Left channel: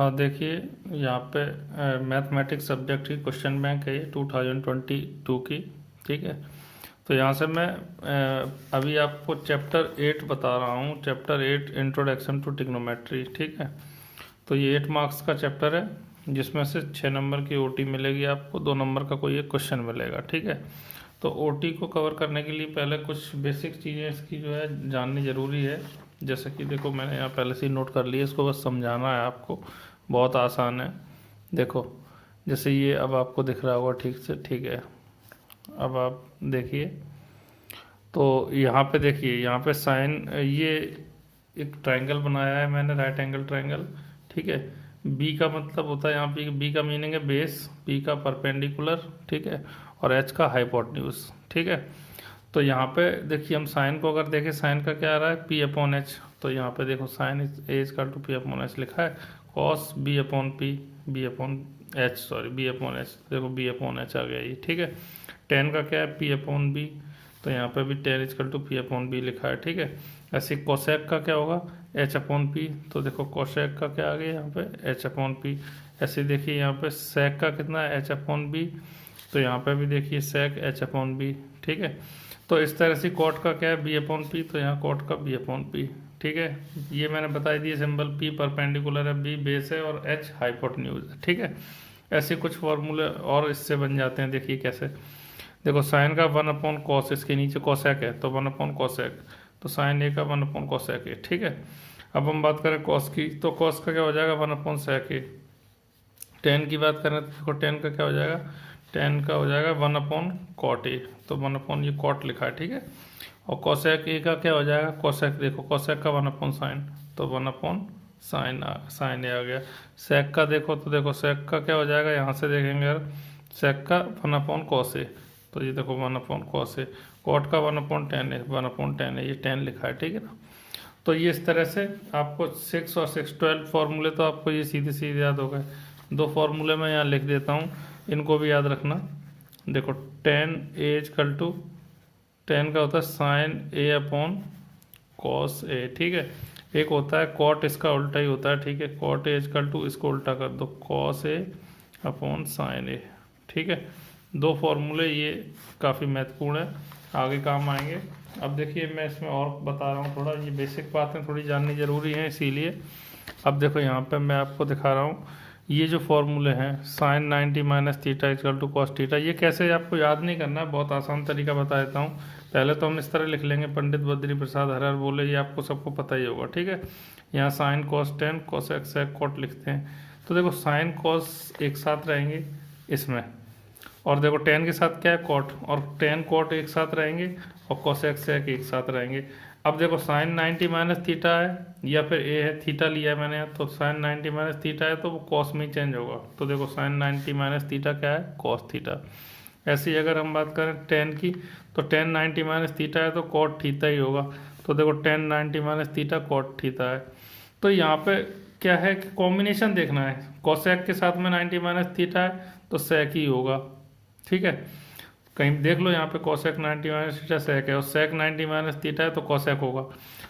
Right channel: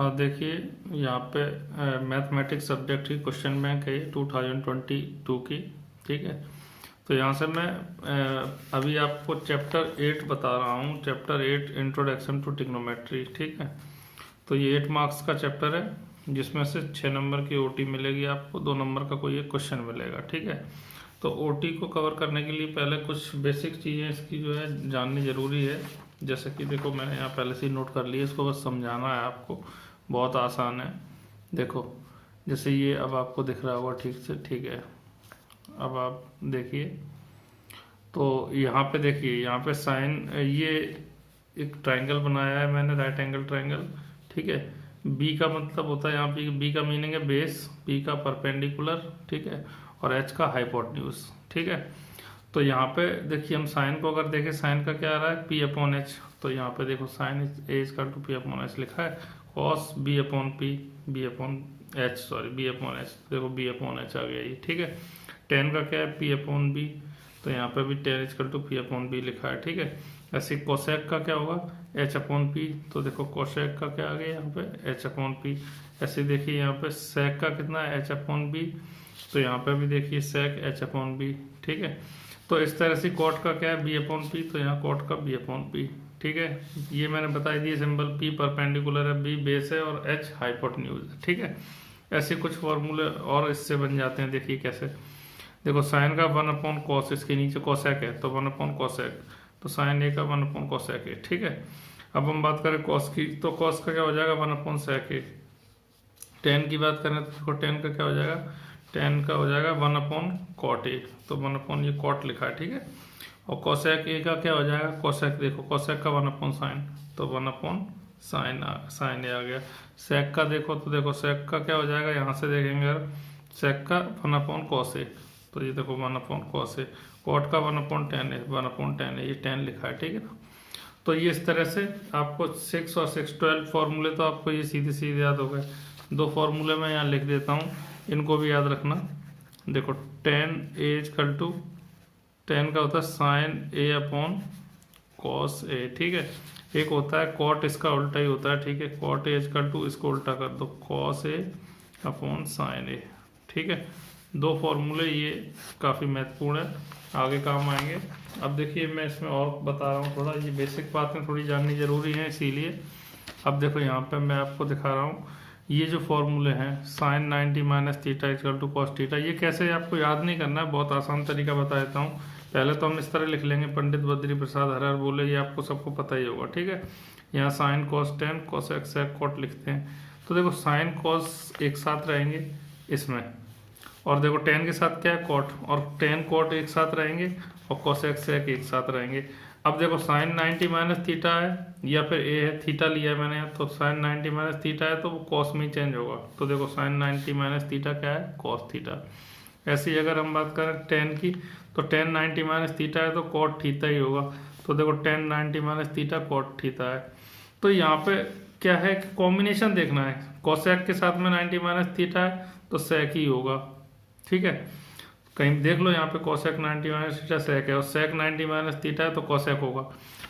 हाँ देखिए, यहाँ पे मैथमेटिक्स सब्जेक्ट की क्वेश्चन बैंक है 2022 की। ठीक है, तो यहाँ से मैं अभी आपको चैप्टर 8 बता रहा हूँ। Chapter 8 introduction to trigonometry. ठीक है, तो ये 8 मार्क्स का चैप्टर है, जिसमें से 6 नंबर की ओटी मिलेगी आपको, 2 नंबर का कोई एक क्वेश्चन मिलेगा। ठीक है, तो ओटी को कवर करने के लिए पहले कुछ बेसिक चीज़ें इसकी जो है जाननी ज़रूरी है। जैसे कि देखो, मैंने यहाँ पहले से ही नोट कर लिया, इसको बस समझाना है आपको, बहुत आसान है। देखो, जैसे ये अब आपको दिख रहा होगा ठीक से। ठीक है, अब आप देखिए, तो यहाँ पे देखिए, यहाँ पे साइन, ये एक ट्रायंगल बनाया है मैंने, राइट एंगल ट्रायंगल। ठीक है, बी का मतलब होता है, यहाँ पे बी का मीनिंग है बेस, बी का परपेंडिकुलर। ठीक है, और एच का हाइपोटेन्यूज। ठीक है, तो यहाँ पे देखिए, हम साइन को अगर देखें, साइन का क्या आ रहा है, पी अपॉन एच। तो यहाँ पे देखो, sine A is to P upon H लिखा है। Cos B upon P, B upon H, sorry B upon H, देखो बी अपॉन एच आ गया ये। ठीक है, टेन का क्या है, पी अपॉन बी, तो यहाँ पे भी tan is to P upon B लिखा है। ठीक है, ऐसे कोसेक का क्या होगा, एच अपॉन पी, तो देखो कोसेक का क्या आ गया यहाँ पे, एच अपॉन पी। ऐसे देखिए यहाँ पे सेक का कितना है, एच अपॉन बी, तो यहाँ पे भी देखिए सेक एच अपॉन बी। ठीक है, तो इस तरह से कॉट का क्या है, बी अपॉन पी, तो यहाँ कॉट का बी अपॉन पी। ठीक है, ये मैंने बताई दी सिंबल, पी परपेंडिकुलर है, बी बेस है, और एच हाइपोटेन्यूज है। ठीक है, ऐसे कुछ फॉर्मूले और इससे बन जाते हैं। देखिए कैसे, देखो साइन का 1 अपॉन कॉस, इसके नीचे कॉसेक है तो 1 अपॉन कॉसेक, तो साइन ए का 1 अपॉन कॉसेक है। ठीक है, अब हम बात करें कॉस की, तो कॉस का क्या हो जाएगा, 1 अपॉन सेक ए। टेन की बात करें तो देखो, टेन का क्या हो जाएगा, टेन का हो जाएगा 1 अपॉन कॉट ए, तो 1 अपॉन ये कॉट लिखा है। ठीक है, और कोसेक ए का क्या हो जाएगा, कोसेक, देखो कोसेक का 1 अपॉन साइन, तो 1 अपॉन साइन ए आ गया। सेक का देखो, तो देखो सेक का क्या हो जाएगा, यहाँ से देखेंगे अगर, सेक का 1 अपॉन कॉस ए, तो ये देखो 1 अपॉन कॉस ए। कॉट का 1 अपॉन टेन ए, 1 अपॉन टेन ए, ये 10 लिखा है। ठीक है ना, तो ये इस तरह से आपको 6 और 6 12 फॉर्मूले तो आपको ये सीधे सीधे याद हो गए। 2 फॉर्मूले मैं यहाँ लिख देता हूँ, इनको भी याद रखना। देखो, tan A equal to, tan का होता है sine A upon cos A. ठीक है, एक होता है कॉट, इसका उल्टा ही होता है। ठीक है, कॉट ए इक्वल टू, इसको उल्टा कर दो, कॉस ए अपॉन साइन ए। ठीक है, 2 फॉर्मूले ये काफ़ी महत्वपूर्ण है, आगे काम आएंगे। अब देखिए, मैं इसमें और बता रहा हूँ थोड़ा, ये बेसिक बातें थोड़ी जाननी जरूरी है, इसीलिए। अब देखो, यहाँ पे मैं आपको दिखा रहा हूँ, ये जो फॉर्मूले हैं, sine 90 minus theta equal to cos theta, ये कैसे आपको याद नहीं करना है, बहुत आसान तरीका बता देता हूँ। पहले तो हम इस तरह लिख लेंगे, पंडित बद्री प्रसाद हर हर बोले, ये आपको सबको पता ही होगा। ठीक है, यहाँ sine cos tan, cosec cot लिखते हैं, तो देखो साइन कॉस एक साथ रहेंगे इसमें, और देखो टेन के साथ क्या है, कॉट, और टेन कॉट एक साथ रहेंगे, और कॉस एक्स एक साथ रहेंगे। अब देखो, साइन 90 माइनस थीटा है, या फिर ए है, थीटा लिया है मैंने, तो साइन 90 माइनस थीटा है तो वो कॉस में चेंज होगा, तो देखो साइन 90 माइनस थीटा क्या है, कॉस थीटा। ऐसे ही अगर हम बात करें टेन की, तो टेन 90 माइनस थीटा है तो कॉट थीटा ही होगा, तो देखो tan 90 minus theta cot theta है। तो यहाँ पे क्या है कि कॉम्बिनेशन देखना है, कॉसेक के साथ में 90 माइनस थीटा है तो सेक ही होगा। ठीक है, कहीं देख लो, यहाँ पे कोसेक 90 माइनस थीटा सेक है, और सेक 90 माइनस थीटा है तो कोसेक होगा,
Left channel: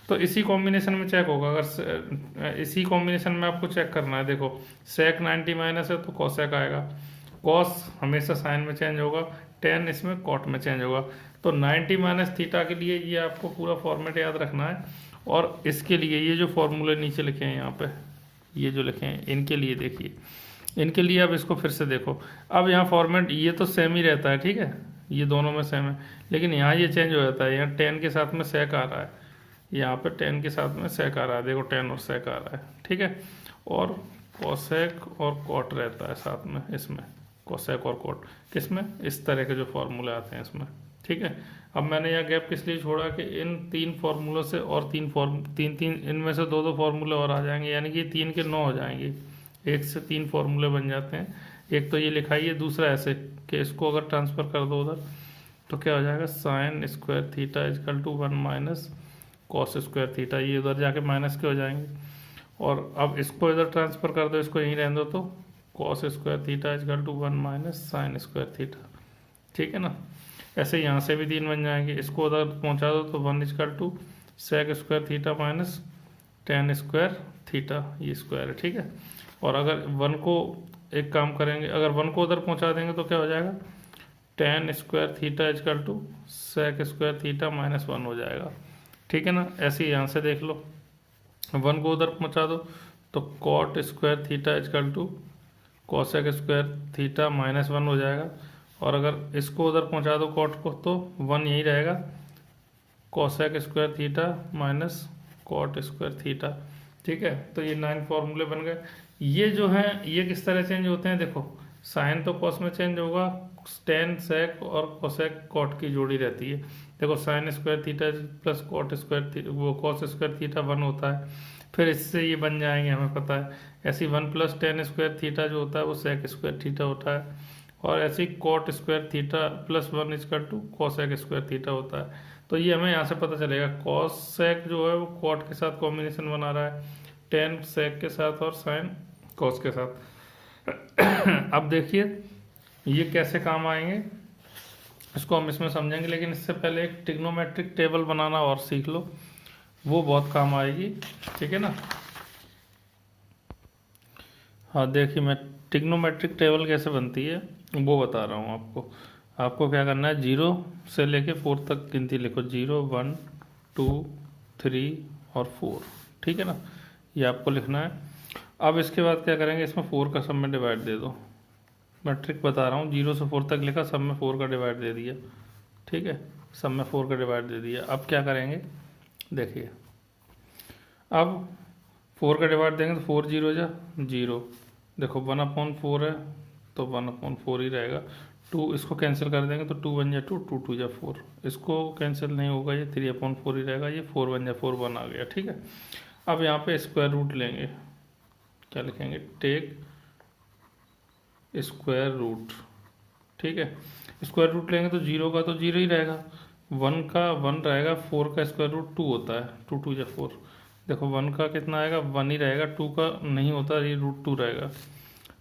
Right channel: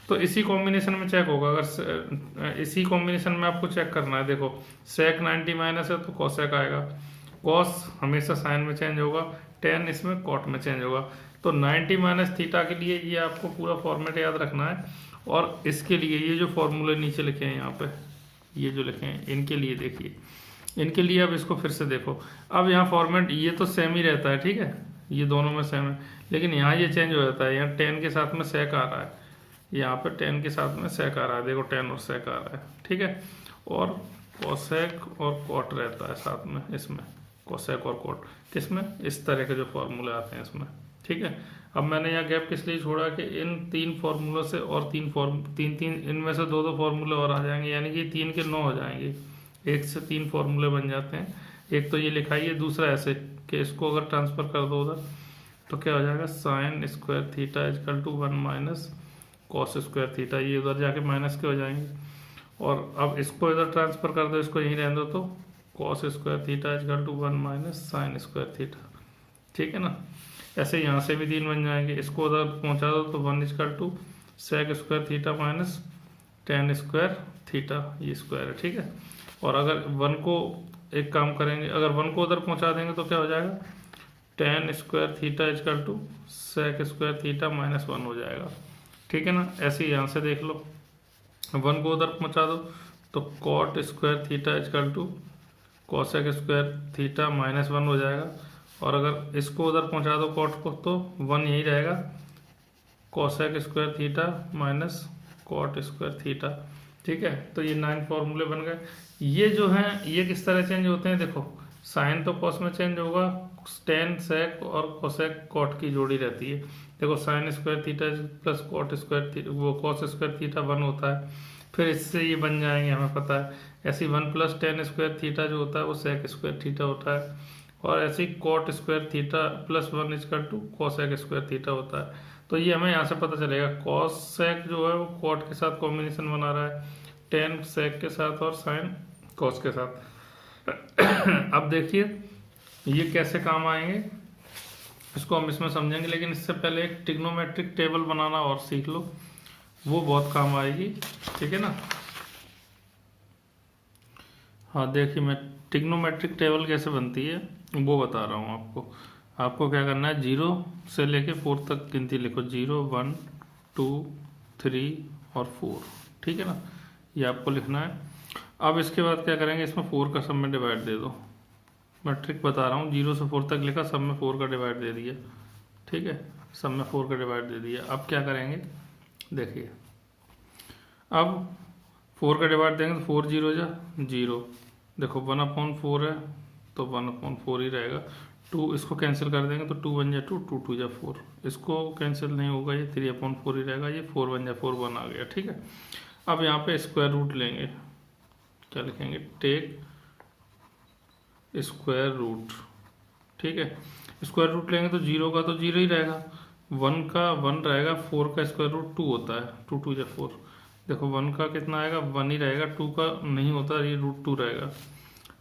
तो इसी कॉम्बिनेशन में चेक होगा। अगर इसी कॉम्बिनेशन में आपको चेक करना है, देखो सेक 90 माइनस है तो कोसेक आएगा, कॉस हमेशा साइन में चेंज होगा, टेन इसमें कॉट में चेंज होगा। तो 90 माइनस थीटा के लिए ये आपको पूरा फॉर्मेट याद रखना है, और इसके लिए ये जो फॉर्मूले नीचे लिखे हैं यहाँ पे, ये जो लिखे हैं, इनके लिए देखिए, इनके लिए अब इसको फिर से देखो। अब यहाँ फॉर्मेट ये तो सेम ही रहता है, ठीक है, ये दोनों में सेम है, लेकिन यहाँ ये चेंज हो जाता है, यहाँ टेन के साथ में सेक आ रहा है, यहाँ पे टेन के साथ में सेक आ रहा है, देखो टेन और सेक आ रहा है। ठीक है, और कोसेक और कॉट रहता है साथ में इसमें, कोसेक और कॉट किसमें, इस तरह के जो फॉर्मूले आते हैं इसमें। ठीक है, अब मैंने यहाँ गैप किस लिए छोड़ा कि इन 3 फॉर्मूलों से और तीन इनमें से 2 फॉर्मूले और आ जाएंगे, यानी कि 3 के 9 हो जाएंगे, 1 से 3 फॉर्मूले बन जाते हैं। एक तो ये लिखाइए, दूसरा ऐसे कि इसको अगर ट्रांसफर कर दो उधर तो क्या हो जाएगा, sine square theta equal to 1 minus cos square theta, ये उधर जाके माइनस के हो जाएंगे, और अब इसको इधर ट्रांसफर कर दो, इसको यहीं रहने दो, तो cos square theta equal to 1 minus sine square theta. ठीक है ना, ऐसे यहाँ से भी 3 बन जाएंगे, इसको उधर पहुँचा दो तो 1 equal to sec square theta minus tan square theta, ये स्क्वायर है, ठीक है। और अगर वन को एक काम करेंगे, अगर वन को उधर पहुंचा देंगे तो क्या हो जाएगा, tan square theta equal to sec square theta minus one हो जाएगा, ठीक है ना। ऐसे ही यहाँ से देख लो, वन को उधर पहुंचा दो तो cot square theta equal to cosec square theta minus one हो जाएगा। और अगर इसको उधर पहुंचा दो कॉट को तो वन यही रहेगा, cosec square theta minus cot square theta, ठीक है। तो ये 9 फॉर्मूले बन गए। ये जो है ये किस तरह चेंज होते हैं, देखो साइन तो कॉस में चेंज होगा, टेन सेक और कोसेक कॉट की जोड़ी रहती है। देखो sine square theta plus cot square वो कॉस स्क्वायर थीटा वन होता है, फिर इससे ये बन जाएंगे, हमें पता है। ऐसे one plus ten square theta जो होता है वो सेक स्क्वायर थीटा होता है, और ऐसे cot square theta plus one equal to cosec square theta होता है। तो ये हमें यहाँ से पता चलेगा, कॉसेक जो है वो कॉट के साथ कॉम्बिनेशन बना रहा है, टेन सेक के साथ और साइन कॉस के साथ। अब देखिए ये कैसे काम आएंगे, इसको हम इसमें समझेंगे, लेकिन इससे पहले एक ट्रिग्नोमेट्रिक टेबल बनाना और सीख लो, वो बहुत काम आएगी, ठीक है ना। हाँ देखिए, मैं ट्रिग्नोमेट्रिक टेबल कैसे बनती है वो बता रहा हूँ आपको। आपको क्या करना है, 0 से लेके 4 तक गिनती लिखो, 0 1 2 3 और 4, ठीक है ना, ये आपको लिखना है। अब इसके बाद क्या करेंगे, इसमें 4 का सब में डिवाइड दे दो। मैं ट्रिक बता रहा हूँ, 0 से 4 तक लिखा, सब में 4 का डिवाइड दे दिया, ठीक है, सब में 4 का डिवाइड दे दिया। अब क्या करेंगे, देखिए अब 4 का डिवाइड देंगे तो 4 0 जा 0, देखो 1/4 है तो 1/4 ही रहेगा। 2 इसको कैंसिल कर देंगे तो 2 1 जा 2, 2 2 जा 4, इसको कैंसिल नहीं होगा, ये 3/4 ही रहेगा, ये 4 1 जा 4 1 आ गया, ठीक है। अब यहाँ पे स्क्वायर रूट लेंगे, क्या लिखेंगे, टेक स्क्वायर रूट, ठीक है। स्क्वायर रूट लेंगे तो 0 का तो 0 ही रहेगा, 1 का 1 रहेगा, 4 का स्क्वायर रूट 2 होता है, 2 2 जा 4, देखो 1 का कितना आएगा 1 ही रहेगा, 2 का नहीं होता, ये √2 रहेगा।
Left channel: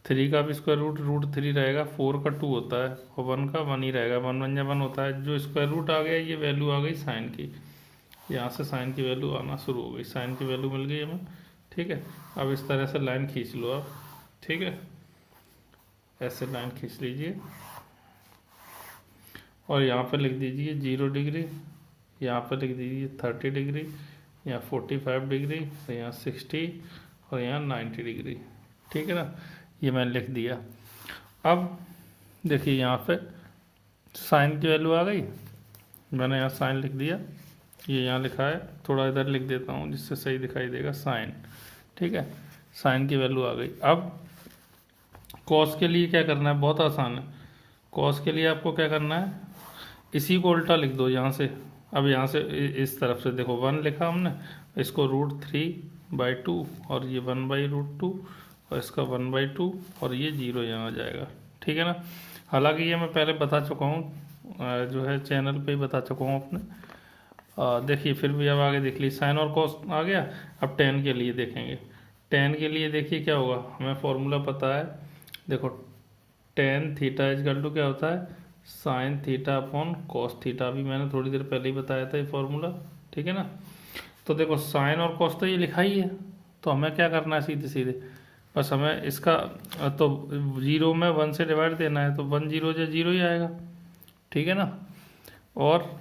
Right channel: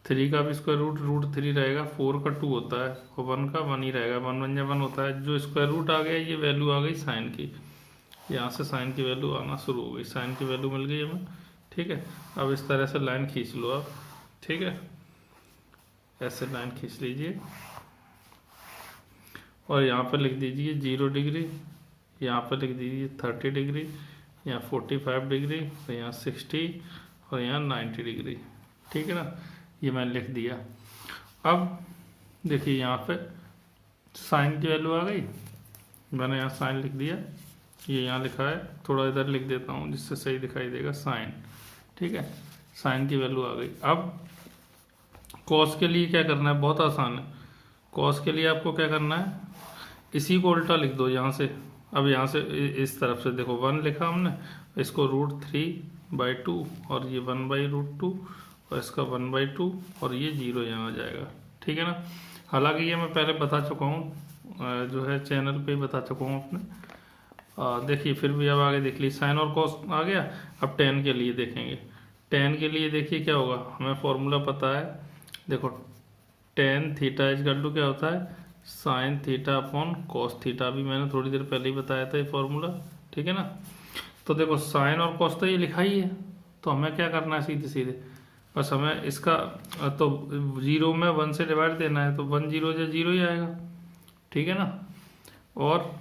3 का भी स्क्वायर रूट √3 रहेगा, 4 का 2 होता है, और 1 का 1 ही रहेगा, 1 1 जा 1 होता है। जो स्क्वायर रूट आ गया ये वैल्यू आ गई साइन की, यहाँ से साइन की वैल्यू आना शुरू हो गई, साइन की वैल्यू मिल गई हमें, ठीक है। अब इस तरह से लाइन खींच लो आप, ठीक है, ऐसे लाइन खींच लीजिए और यहाँ पर लिख दीजिए 0 डिग्री, यहाँ पर लिख दीजिए 30 डिग्री, यहाँ 45 डिग्री, तो यहाँ 60 और यहाँ 90 डिग्री, ठीक है ना, ये मैंने लिख दिया। अब देखिए यहाँ पे साइन की वैल्यू आ गई, मैंने यहाँ साइन लिख दिया, ये यहाँ लिखा है, थोड़ा इधर लिख देता हूँ जिससे सही दिखाई देगा, साइन, ठीक है, साइन की वैल्यू आ गई। अब कॉस के लिए क्या करना है, बहुत आसान है। कॉस के लिए आपको क्या करना है, इसी को उल्टा लिख दो यहाँ से। अब यहाँ से इस तरफ से देखो 1 लिखा हमने, इसको √3/2 और ये 1/√2 और इसका 1/2 और ये 0 यहाँ आ जाएगा, ठीक है ना। हालांकि ये मैं पहले बता चुका हूँ, जो है चैनल पे ही बता चुका हूँ अपने। देखिए फिर भी अब आगे देख लीजिए, साइन और कॉस आ गया। अब टेन के लिए देखेंगे, टेन के लिए देखिए क्या होगा, हमें फॉर्मूला पता है, देखो टेन थीटा इजकल टू क्या होता है, sine theta upon cos theta, अभी मैंने थोड़ी देर पहले ही बताया था ये फॉर्मूला, ठीक है ना। तो देखो साइन और कॉस तो ये लिखा ही है, तो हमें क्या करना है, सीधे सीधे बस हमें इसका तो 0 में 1 से डिवाइड देना है, तो 1 0 जा 0 ही आएगा, ठीक है ना। और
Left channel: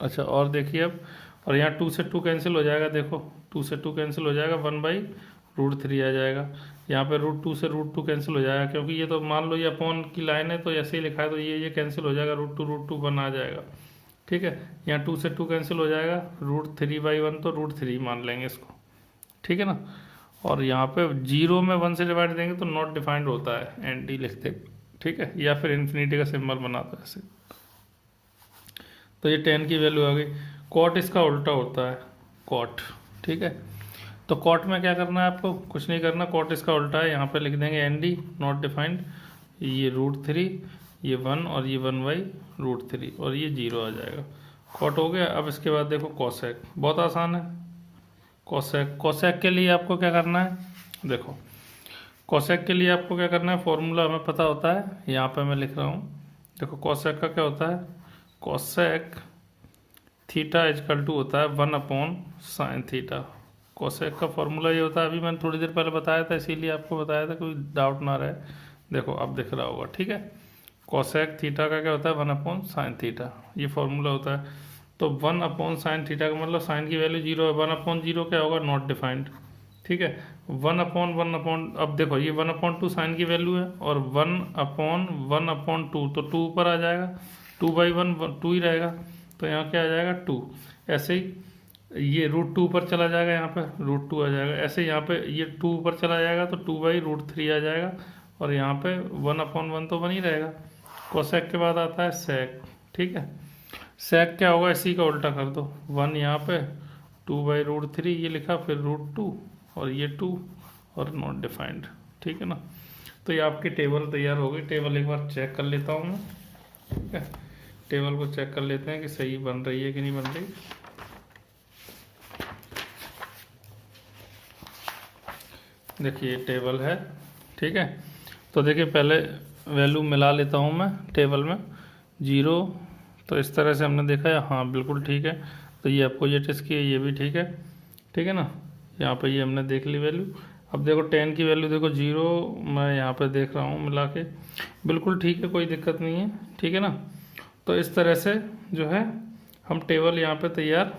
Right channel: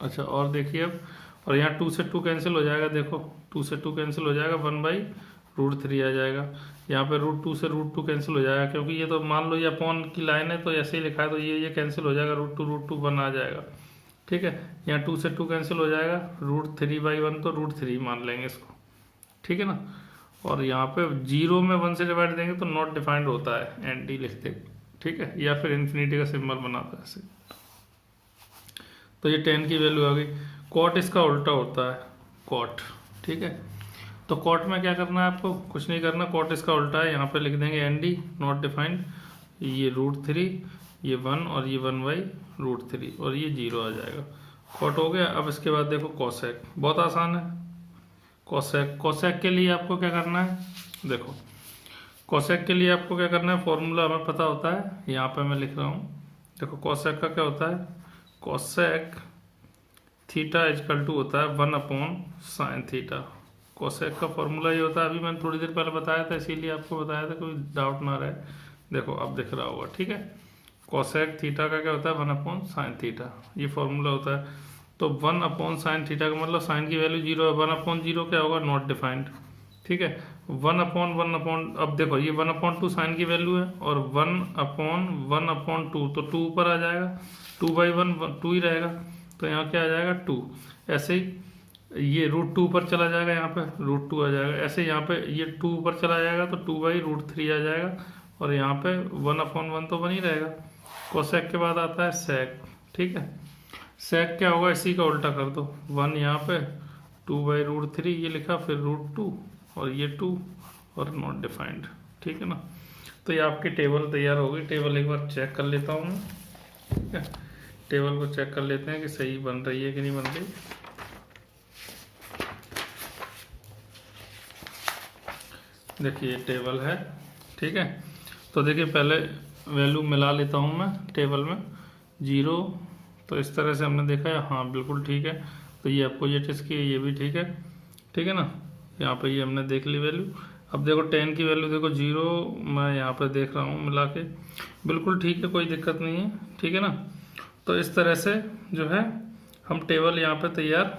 अच्छा और देखिए अब, और यहाँ 2 से 2 कैंसिल हो जाएगा, देखो 2 से 2 कैंसिल हो जाएगा, 1/√3 आ जाएगा। यहाँ पे √2 से √2 कैंसिल हो जाएगा, क्योंकि ये तो मान लो ये अपॉन की लाइन है तो ऐसे ही लिखा है, तो ये कैंसिल हो जाएगा, √2 1 आ जाएगा, ठीक है। यहाँ 2 से 2 कैंसिल हो जाएगा, √3/1 तो √3 मान लेंगे इसको, ठीक है ना। और यहाँ पे 0 में 1 से डिवाइड देंगे तो नॉट डिफाइंड होता है, ND लिखते, ठीक है, या फिर इन्फिनिटी का सिंबल बनाते हैं ऐसे। तो ये 10 की वैल्यू आ गई। कॉट इसका उल्टा होता है, कॉट, ठीक है। तो कॉट में क्या करना है आपको, कुछ नहीं करना, कॉट इसका उल्टा है, यहाँ पे लिख देंगे ND नॉट डिफाइंड, ये √3, ये 1 और ये 1/√3 और ये 0 आ जाएगा, कॉट हो गया। अब इसके बाद देखो कॉसेक, बहुत आसान है। कॉसेक, कॉसेक के लिए आपको क्या करना है, देखो कॉसेक के लिए आपको क्या करना है, फॉर्मूला हमें पता होता है, यहाँ पे मैं लिख रहा हूँ, देखो कॉसेक का क्या होता है, कॉसेक थीटा इजकल टू होता है 1/sin थीटा, कोसेक का फॉर्मूला ये होता है, अभी मैंने थोड़ी देर पहले बताया था, इसीलिए आपको बताया था, कोई डाउट ना रहे। देखो अब दिख रहा होगा, ठीक है। कोसेक थीटा का क्या होता है, 1/sin थीटा, ये फॉर्मूला होता है। तो 1/sin थीटा का मतलब साइन की वैल्यू 0 है, 1/0 क्या होगा, नॉट डिफाइंड, ठीक है। 1/1 अब देखो ये 1/2 साइन की वैल्यू है, और 1/1/2 तो 2 ऊपर आ जाएगा, 2/1 2 ही रहेगा, तो यहाँ क्या आ जाएगा 2। ऐसे ही ये √2 ऊपर चला जाएगा, यहाँ पे √2 आ जाएगा। ऐसे यहाँ पे ये 2 ऊपर चला जाएगा तो 2/√3 आ जाएगा, और यहाँ पे 1/1 तो 1 ही रहेगा। कोसेक के बाद आता है सेक, ठीक है। सेक क्या होगा, इसी का उल्टा कर दो, 1 यहाँ पे, 2/√3 ये लिखा, फिर √2 और ये 2 और नॉट डिफाइंड, ठीक है ना। तो ये आपकी टेबल तैयार हो गई। टेबल एक बार चेक कर लेता हूँ मैं, ठीक है। टेबल को चेक कर लेते हैं कि सही बन रही है कि नहीं बन रही। देखिए टेबल है, ठीक है। तो देखिए पहले वैल्यू मिला लेता हूँ मैं टेबल में, 0, तो इस तरह से हमने देखा है, हाँ बिल्कुल ठीक है। तो ये अपोजिट इसकी है, ये भी ठीक है, ठीक है ना। यहाँ पे ये हमने देख ली वैल्यू। अब देखो 10 की वैल्यू देखो 0, मैं यहाँ पे देख रहा हूँ मिला के, बिल्कुल ठीक है, कोई दिक्कत नहीं है, ठीक है ना। तो इस तरह से जो है हम टेबल यहाँ पे तैयार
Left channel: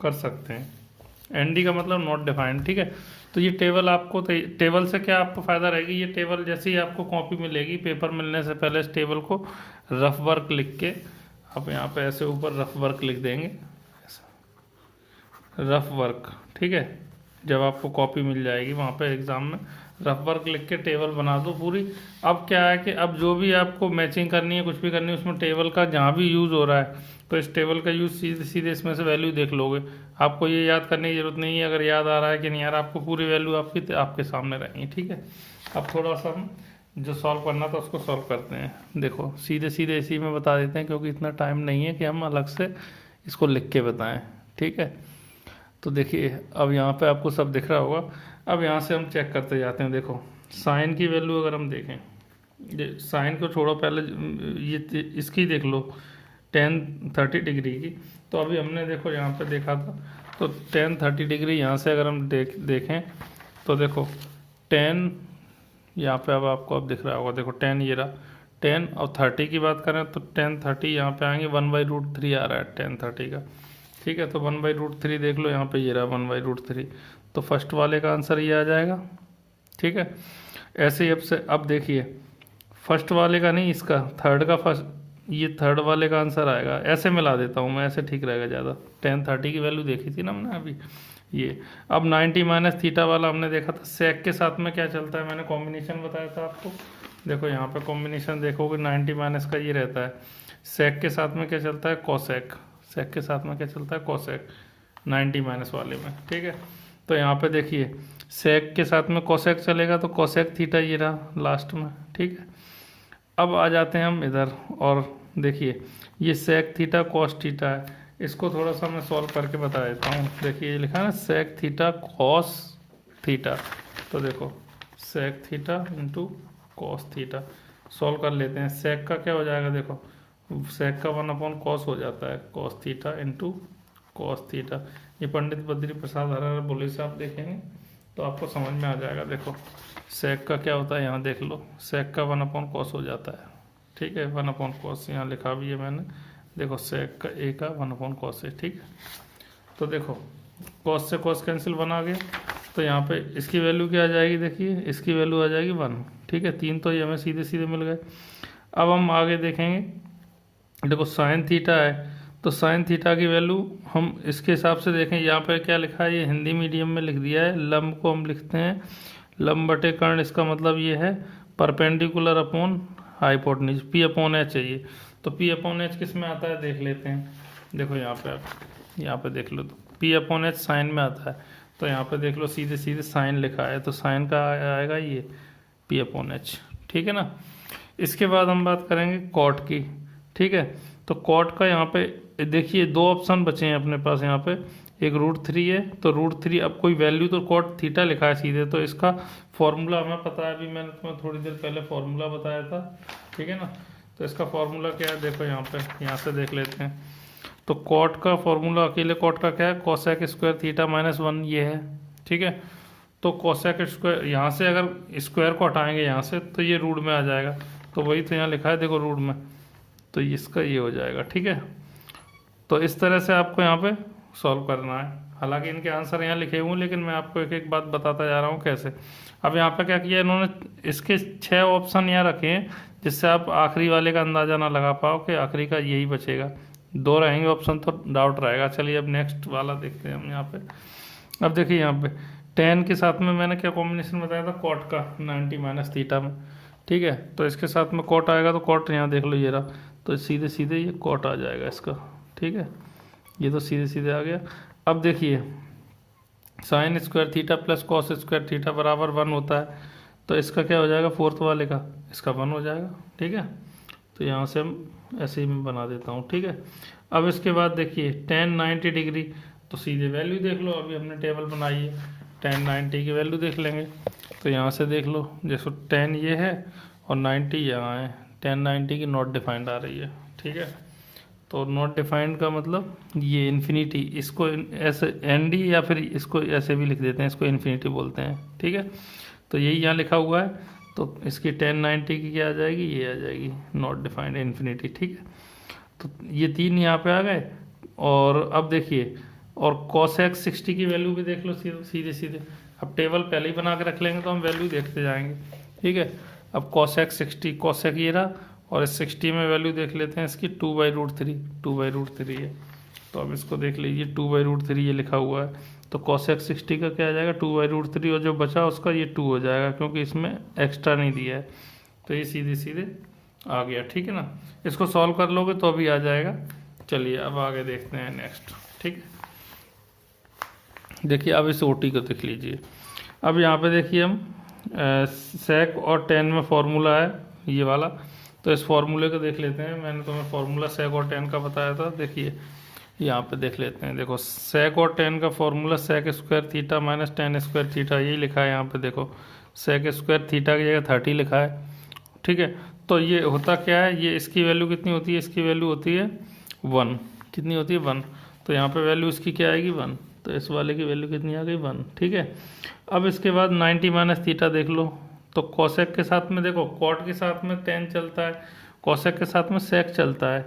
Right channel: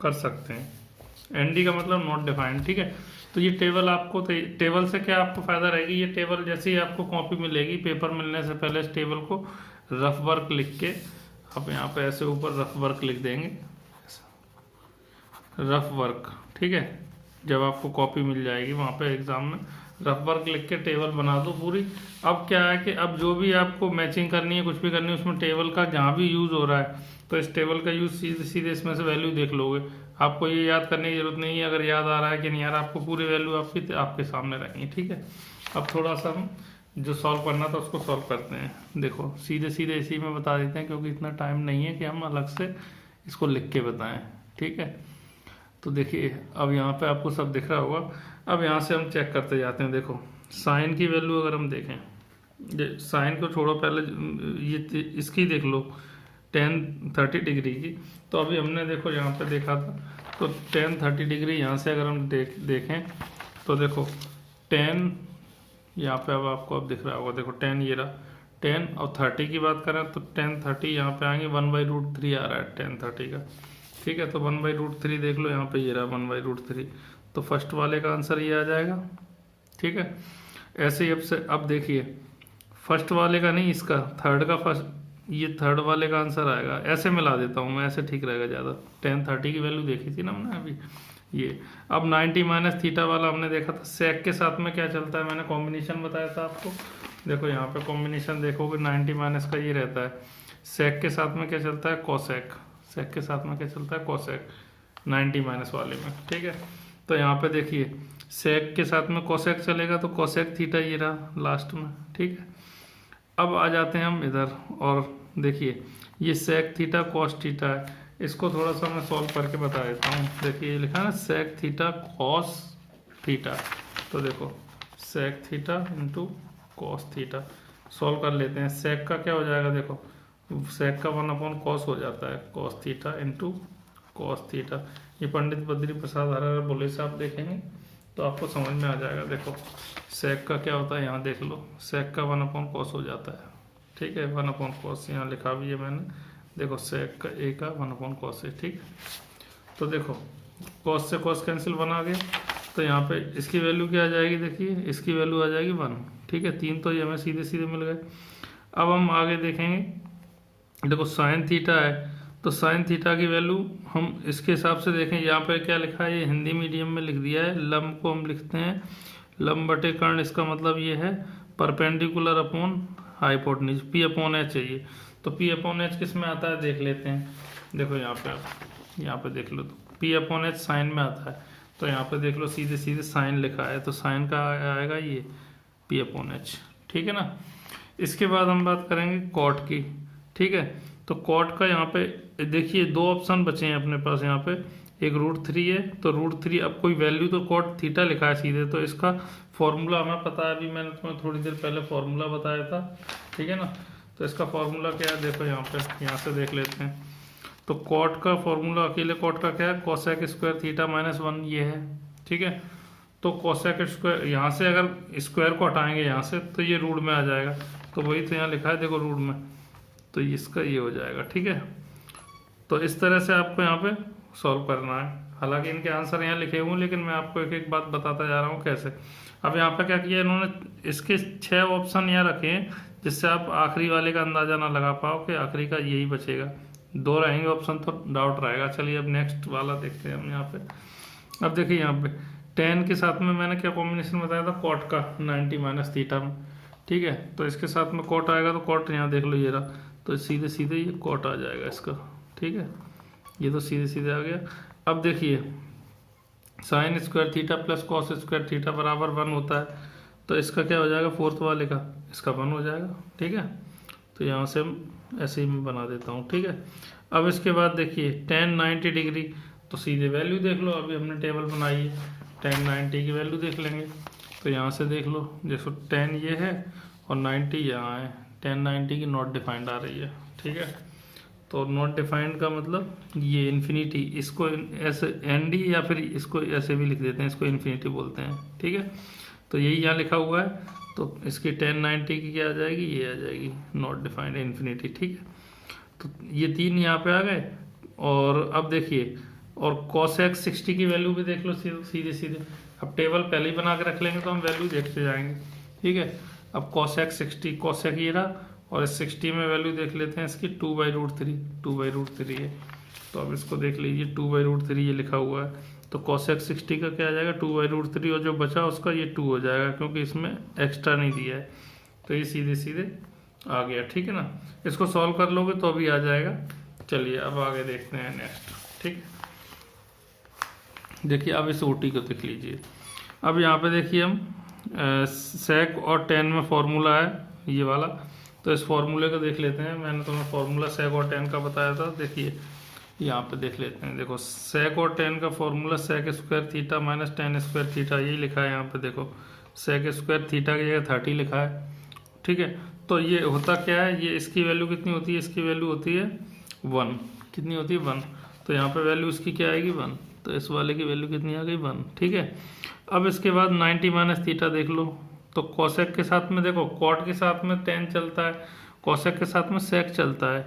कर सकते हैं। एनडी का मतलब नॉट डिफाइंड, ठीक है। तो ये टेबल आपको टेबल से क्या आपको फायदा रहेगी, ये टेबल जैसे ही आपको कॉपी मिलेगी, पेपर मिलने से पहले इस टेबल को रफ वर्क लिख के आप यहाँ पे ऐसे ऊपर रफ वर्क लिख देंगे, रफ वर्क, ठीक है। जब आपको कॉपी मिल जाएगी वहाँ पे एग्जाम में, रफ वर्क लिख के टेबल बना दो पूरी। अब क्या है कि अब जो भी आपको मैचिंग करनी है, कुछ भी करनी है, उसमें टेबल का जहाँ भी यूज़ हो रहा है, तो इस टेबल का यूज़ सीधे सीधे इसमें से वैल्यू देख लोगे। आपको ये याद करने की जरूरत नहीं है, अगर याद आ रहा है कि नहीं यार, आपको पूरी वैल्यू आपके सामने रहेंगी, ठीक है। अब थोड़ा सा हम जो सॉल्व करना था उसको सॉल्व करते हैं। देखो सीधे सीधे इसी में बता देते हैं, क्योंकि इतना टाइम नहीं है कि हम अलग से इसको लिख के बताएं, ठीक है। तो देखिए अब यहाँ पे आपको सब दिख रहा होगा। अब यहाँ से हम चेक करते जाते हैं। देखो साइन की वैल्यू अगर हम देखें, साइन को छोड़ो, पहले ये इसकी देख लो, 10-30 डिग्री की। तो अभी हमने देखो यहाँ पे देखा था, तो 10-30 डिग्री यहाँ से अगर हम देखें तो देखो 10 यहाँ पे अब आपको अब दिख रहा होगा, देखो 10 ये रहा, 10 और 30 की बात करें तो 10-30 यहाँ पे आएंगे, 1/√3 आ रहा है 10-30 का, ठीक है। तो 1/√3 देख लो, यहाँ पे ये रहा 1/√3, तो फर्स्ट वाले का आंसर ये आ जाएगा, ठीक है। ऐसे ही अब देखिए फर्स्ट वाले का नहीं, इसका थर्ड का फर्स्ट, ये थर्ड वाले का आंसर आएगा। ऐसे मिला देता हूँ मैं, ऐसे ठीक रहेगा ज़्यादा। 10-30 की वैल्यू देखी थी ना हमने अभी, ये अब 90 - वाला हमने देखा था। सेक के साथ में क्या चलता है, मैंने कॉम्बिनेशन बताया था आपको। देखो यहाँ पे कॉम्बिनेशन देखोगे, 90 - का ये रहता है। सेक के साथ में क्या चलता है, कोसेक। सेक के साथ में क्या चलता है, कोसेक, 90 - वाले में, ठीक है। तो यहाँ पे देखिए सेक के साथ में कोसेक चलेगा, तो कोसेक थीटा ये रहा लास्ट में, ठीक है। अब आ जाते हैं हम इधर, और देखिए ये सेक थीटा कॉस थीटा है, इसको थोड़ा सा मैं सॉल्व करके बता देता हूँ। देखिए ये लिखा है ना, सेक थीटा कॉस थीटा, तो देखो sec theta into cos theta, solve कर लेते हैं। सेक का क्या हो जाएगा, देखो सेक का 1/cos हो जाता है, cos theta into cos theta. ये पंडित बद्री प्रसाद हर बोले से आप देखेंगे तो आपको समझ में आ जाएगा। देखो सेक का क्या होता है, यहाँ देख लो, सेक का 1/cos हो जाता है, ठीक है। 1/cos यहाँ लिखा भी है मैंने, देखो सेक का ए का 1/cos है, ठीक। तो देखो cos से cos कैंसिल बना गया, तो यहाँ पे इसकी वैल्यू क्या आ जाएगी, देखिए इसकी वैल्यू आ जाएगी 1, ठीक है। 3 तो ये हमें सीधे सीधे मिल गए। अब हम आगे देखेंगे, देखो साइन थीटा है, तो साइन थीटा की वैल्यू हम इसके हिसाब से देखें। यहाँ पे क्या लिखा है, ये हिंदी मीडियम में लिख दिया है, लंब को हम लिखते हैं लंब बटे कर्ण। इसका मतलब ये है परपेंडिकुलर अपॉन हाइपोटेन्यूज, P/H चाहिए। तो P/H किस में आता है देख लेते हैं। देखो यहाँ पे देख लो, तो P/H साइन में आता है, तो यहाँ पे देख लो सीधे सीधे साइन लिखा है, तो साइन का आएगा ये P/H, ठीक है ना। इसके बाद हम बात करेंगे कॉट की, ठीक है। तो कॉट का यहाँ पे देखिए 2 ऑप्शन बचे हैं अपने पास, यहाँ पे एक √3 है, तो √3 अब कोई वैल्यू, तो कॉट थीटा लिखा है सीधे, तो इसका फॉर्मूला हमें पता है, अभी मैंने तुम्हें थोड़ी देर पहले फॉर्मूला बताया था, ठीक है ना। तो इसका फॉर्मूला क्या है, देखो यहाँ से देख लेते हैं। तो कॉट का फॉर्मूला, अकेले कॉट का क्या है, कोसेक स्क्वायर थीटा माइनस 1 ये है, ठीक है। तो कोसेक स्क्वायर यहाँ से अगर स्क्वायर को हटाएंगे यहाँ से तो ये रूट में आ जाएगा, तो वही तो यहाँ लिखा है देखो रूट में, तो इसका ये हो जाएगा, ठीक है। तो इस तरह से आपको यहाँ पे सॉल्व करना है। हालांकि इनके आंसर यहाँ लिखे हुए हैं, लेकिन मैं आपको एक एक बात बताता जा रहा हूँ कैसे। अब यहाँ पे क्या किया इन्होंने, इसके 6 ऑप्शन यहाँ रखे हैं, जिससे आप आखिरी वाले का अंदाजा ना लगा पाओ कि आखिरी का यही बचेगा। 2 रहेंगे ऑप्शन तो डाउट रहेगा। चलिए अब नेक्स्ट वाला देखते हैं हम यहाँ पे। अब देखिए यहाँ पे tan के साथ में मैंने क्या कॉम्बिनेशन बताया था, कॉट का 90 माइनस थीटा में, ठीक है। तो इसके साथ में कॉट आएगा, तो कॉट यहाँ देख लो ये रहा, तो सीधे सीधे ये कॉट आ जाएगा इसका, ठीक है। ये तो सीधे सीधे आ गया। अब देखिए sign square theta plus cos square theta बराबर 1 होता है, तो इसका क्या हो जाएगा, फोर्थ वाले का इसका 1 हो जाएगा, ठीक है। तो यहाँ से हम ऐसे ही मैं बना देता हूँ, ठीक है। अब इसके बाद देखिए tan 90 डिग्री, तो सीधे वैल्यू देख लो, अभी हमने टेबल बनाई है, tan 90 की वैल्यू देख लेंगे। तो यहाँ से देख लो, जैसे tan ये है और 90 यहाँ है, tan 90 की नॉट डिफाइंड आ रही है, ठीक है। तो नॉट डिफाइंड का मतलब ये इन्फिनिटी, इसको ऐसे एन या फिर इसको ऐसे भी लिख देते हैं, इसको इन्फिनिटी बोलते हैं, ठीक है। तो यही यहाँ लिखा हुआ है, तो इसकी tan 90 की क्या आ जाएगी, ये आ जाएगी नॉट डिफाइंड इन्फिनिटी, ठीक है। तो ये 3 यहाँ पे आ गए। और अब देखिए, और cosec 60 की वैल्यू भी देख लो सीधे सीधे। अब टेबल पहले ही बना के रख लेंगे तो हम वैल्यू देखते जाएंगे, ठीक है। अब cosec 60, cosec ये रहा, और इस 60 में वैल्यू देख लेते हैं इसकी 2/√3, 2/√3 है। तो अब इसको देख लीजिए 2/√3 ये लिखा हुआ है, तो cosec 60 का क्या आ जाएगा 2/√3, और जो बचा उसका ये 2 हो जाएगा, क्योंकि इसमें एक्स्ट्रा नहीं दिया है। तो ये सीधे सीधे आ गया, ठीक है ना। इसको सॉल्व कर लोगे तो अभी आ जाएगा। चलिए अब आगे देखते हैं नेक्स्ट, ठीक है। देखिए अब इस OT को देख लीजिए। अब यहाँ पे देखिए हम sec और tan में फॉर्मूला है ये वाला, तो इस फॉर्मूले को देख लेते हैं। मैंने तुम्हें फॉर्मूला sec और tan का बताया था, देखिए यहाँ पे देख लेते हैं। देखो sec और tan का formula sec square theta minus tan square theta, यही लिखा है यहाँ पे। देखो sec स्क्वायर थीटा की जगह 30 लिखा है, ठीक है। तो ये होता क्या है, ये इसकी वैल्यू कितनी होती है, इसकी वैल्यू होती है 1, कितनी होती है 1। तो यहाँ पे वैल्यू इसकी क्या आएगी 1, तो इस वाले की वैल्यू कितनी आ गई 1, ठीक है। अब इसके बाद 90 माइनस थीटा देख लो, तो कॉसेक के साथ में देखो कॉट के साथ में tan चलता है, कॉसेक के साथ में सेक चलता है,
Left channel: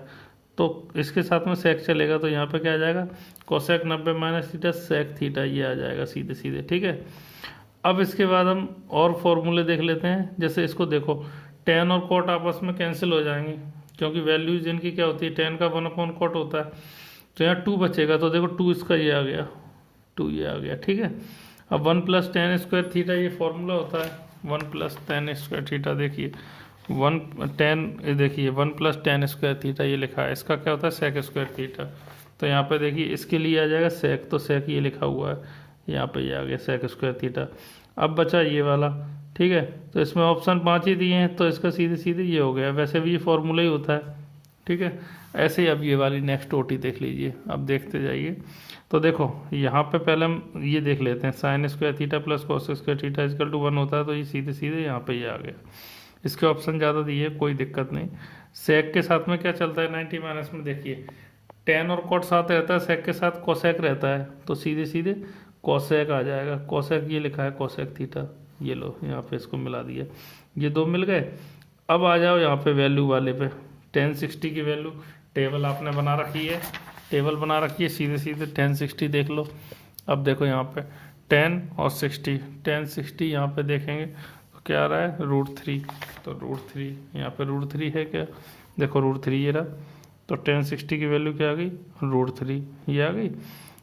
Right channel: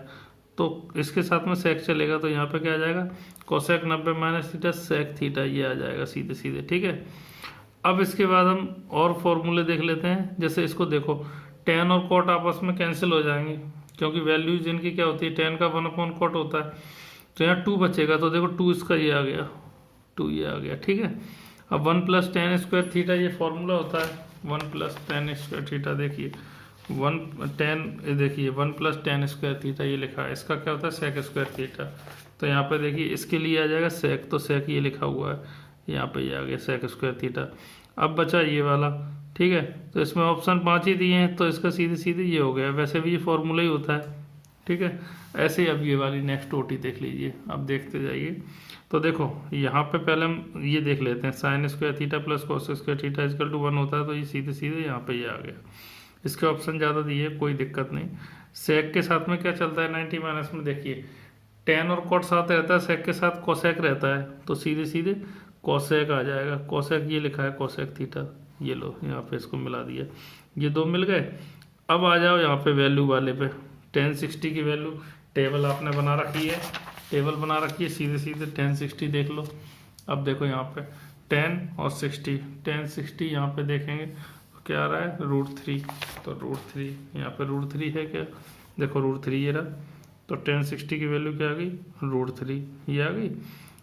तो इसके साथ में सेक चलेगा, तो यहाँ पे क्या आ जाएगा cosec 90 minus theta sec theta, ये आ जाएगा सीधे सीधे, ठीक है। अब इसके बाद हम और फॉर्मूले देख लेते हैं। जैसे इसको देखो tan और कॉट आपस में कैंसिल हो जाएंगे, क्योंकि वैल्यूज इनकी क्या होती है, tan का 1/cot होता है, तो यहाँ 2 बचेगा, तो देखो 2 इसका ये आ गया, 2 ये आ गया, ठीक है। अब 1 + tan स्क्वायर थीटा ये फॉर्मूला होता है, 1 + tan स्क्वायर थीटा, देखिए 1 + tan स्क्वायर थीटा ये लिखा है, इसका क्या होता है सेक स्क्वायर थीटा। तो यहाँ पे देखिए इसके लिए आ जाएगा सेक, तो सेक ये लिखा हुआ है, यहाँ पे ये आ गया सेक स्क्वायर थीटा। अब बचा ये वाला, ठीक है। तो इसमें ऑप्शन 5 ही दिए हैं, तो इसका सीधे सीधे ये हो गया। वैसे भी ये फॉर्मूला ही होता है, ठीक है। ऐसे ही अब ये वाली नेक्स्ट OT देख लीजिए, अब देखते जाइए। तो देखो यहाँ पे पहले हम ये देख लेते हैं, sine square theta plus cos square theta equal to 1 होता है, तो ये सीधे सीधे यहाँ पे ये आ गया। इसके ऑप्शन ज़्यादा दिए, कोई दिक्कत नहीं। सेक के साथ में क्या चलता है 90 माइनस में, देखिए tan और कॉट साथ रहता है, सेक के साथ कोसेक रहता है, तो सीधे सीधे कोसेक आ जाएगा। कोसेक ये लिखा है कोसेक थीटा, ये लो यहाँ पे इसको मिला दिया, ये 2 मिल गए। अब आ जाओ यहाँ पे वैल्यू वाले पे, tan 60 की वैल्यू टेबल आपने बना रखी है, टेबल बना रखी है, सीधे सीधे tan 60 देख लो। अब देखो यहाँ पे 10 और 60, tan 60 यहाँ पे देखेंगे तो क्या आ रहा है √3, तो √3 यहाँ पे √3 है क्या, देखो √3 ये रहा, तो tan 60 की वैल्यू क्या आ गई √3 ये आ गई।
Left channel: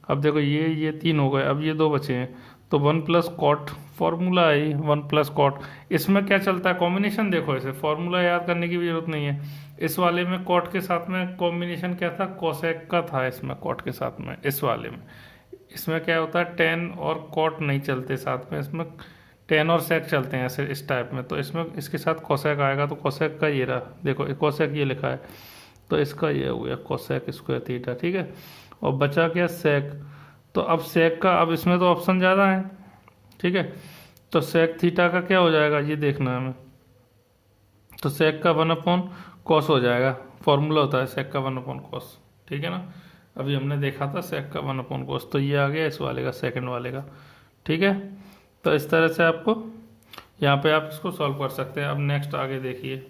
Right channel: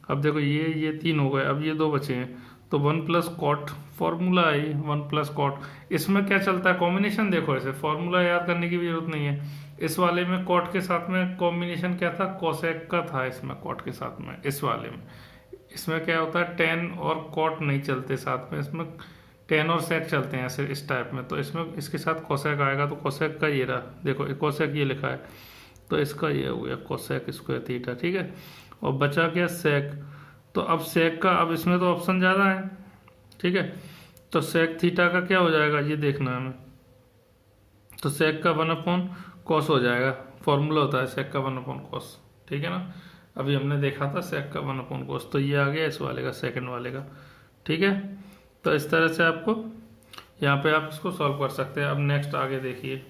अब देखो ये 3 हो गए, अब ये 2 बचे हैं, तो 1 + cot फॉर्मूला आई, 1 + cot। इसमें क्या चलता है कॉम्बिनेशन, देखो ऐसे फॉर्मूला याद करने की भी जरूरत नहीं है। इस वाले में कॉट के साथ में कॉम्बिनेशन क्या था, कोसेक का था, इसमें कॉट के साथ में, इस वाले में इसमें क्या होता है tan और कॉट नहीं चलते साथ में, इसमें tan और सेक चलते हैं ऐसे इस टाइप में। तो इसमें इसके साथ कोसेक आएगा, तो कोसेक का ये रहा, देखो कोसेक ये लिखा है, तो इसका ये हो गया कोसेक स्क्वायर थीटा, ठीक है। और बचा क्या सेक, तो अब सेक का, अब इसमें तो ऑप्शन ज़्यादा है, ठीक है। तो सेक थीटा का क्या हो जाएगा ये देखना है हमें, तो सेक का 1/cos हो जाएगा, फॉर्मूला होता है सेक का 1/cos, ठीक है ना। अभी हमने देखा था सेक का 1/cos, तो ये आ गया इस वाले का, सेकंड वाले का। ठीक है, तो इस तरह से आपको यहाँ पे आप इसको सॉल्व कर सकते हैं। अब नेक्स्ट आगे देखिए,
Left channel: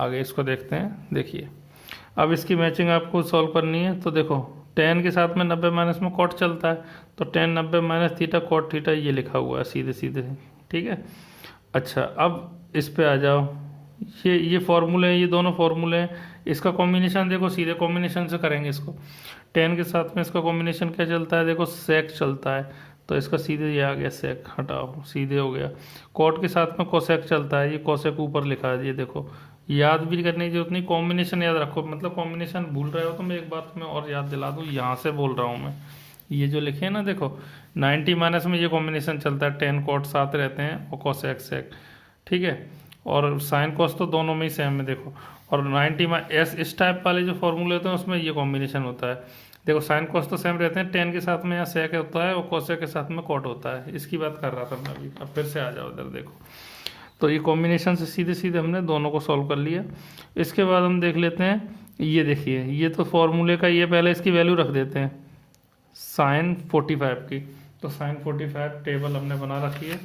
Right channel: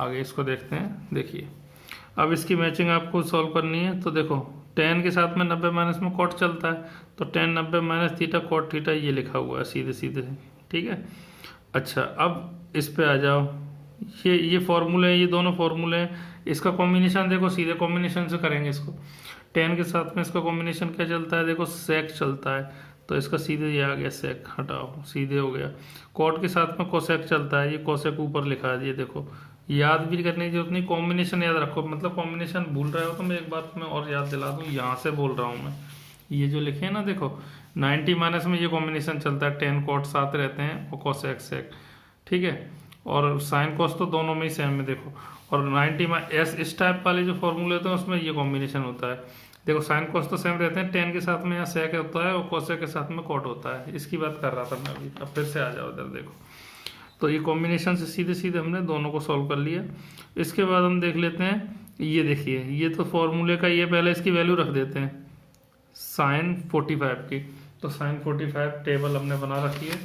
आगे इसको देखते हैं। देखिए अब इसकी मैचिंग आपको सॉल्व करनी है। तो देखो tan के साथ में 90 माइनस में कॉट चलता है, तो tan 90 minus theta cot theta ये लिखा हुआ है सीधे सीधे। ठीक है, अच्छा अब इस पे आ जाओ। ये फॉर्मूले हैं, ये दोनों फॉर्मूले हैं। इसका कॉम्बिनेशन देखो, सीधे कॉम्बिनेशन से करेंगे इसको। tan के साथ में इसका कॉम्बिनेशन क्या चलता है, देखो सेक चलता है, तो इसका सीधे ये आ गया सेक, हटाओ सीधे हो गया। कॉट के साथ में कोसेक चलता है, ये कोसेक ऊपर लिखा है, ये देखो। याद भी करने की जरूरत नहीं, कॉम्बिनेशन याद रखो। मतलब कॉम्बिनेशन भूल रहे हो तो मैं एक बात में और याद दिला दूँ, यहाँ से बोल रहा हूँ मैं। ये जो लिखे हैं ना, देखो 90 माइनस में ये कॉम्बिनेशन चलता है, tan कॉट साथ रहते हैं और कोसेक सेक। ठीक है, और साइन कॉस तो दोनों में ही सेम है देखो। और 90 इस टाइप वाले जो फॉर्मूले होते हैं उसमें ये कॉम्बिनेशन होता है। देखो साइन कॉस तो सेम रहते हैं, tan के साथ में यहाँ सेक होता है और कोसेक के साथ में कॉट होता है। इसकी बात कर रहा था मैं अभी। अब फिर से आ जाओ इधर, देखो तो ये कॉम्बिनेशन से सीधे सीधे हमने दोनों को सॉल्व कर लिया। इसके बाद हम देख लेते हैं, ये देखिए ये तो फॉर्मूले का, ये पहले इसकी वैल्यू रख देते हैं साइन 45 की। तो साइन 45 टेबल हमने बना रखी है।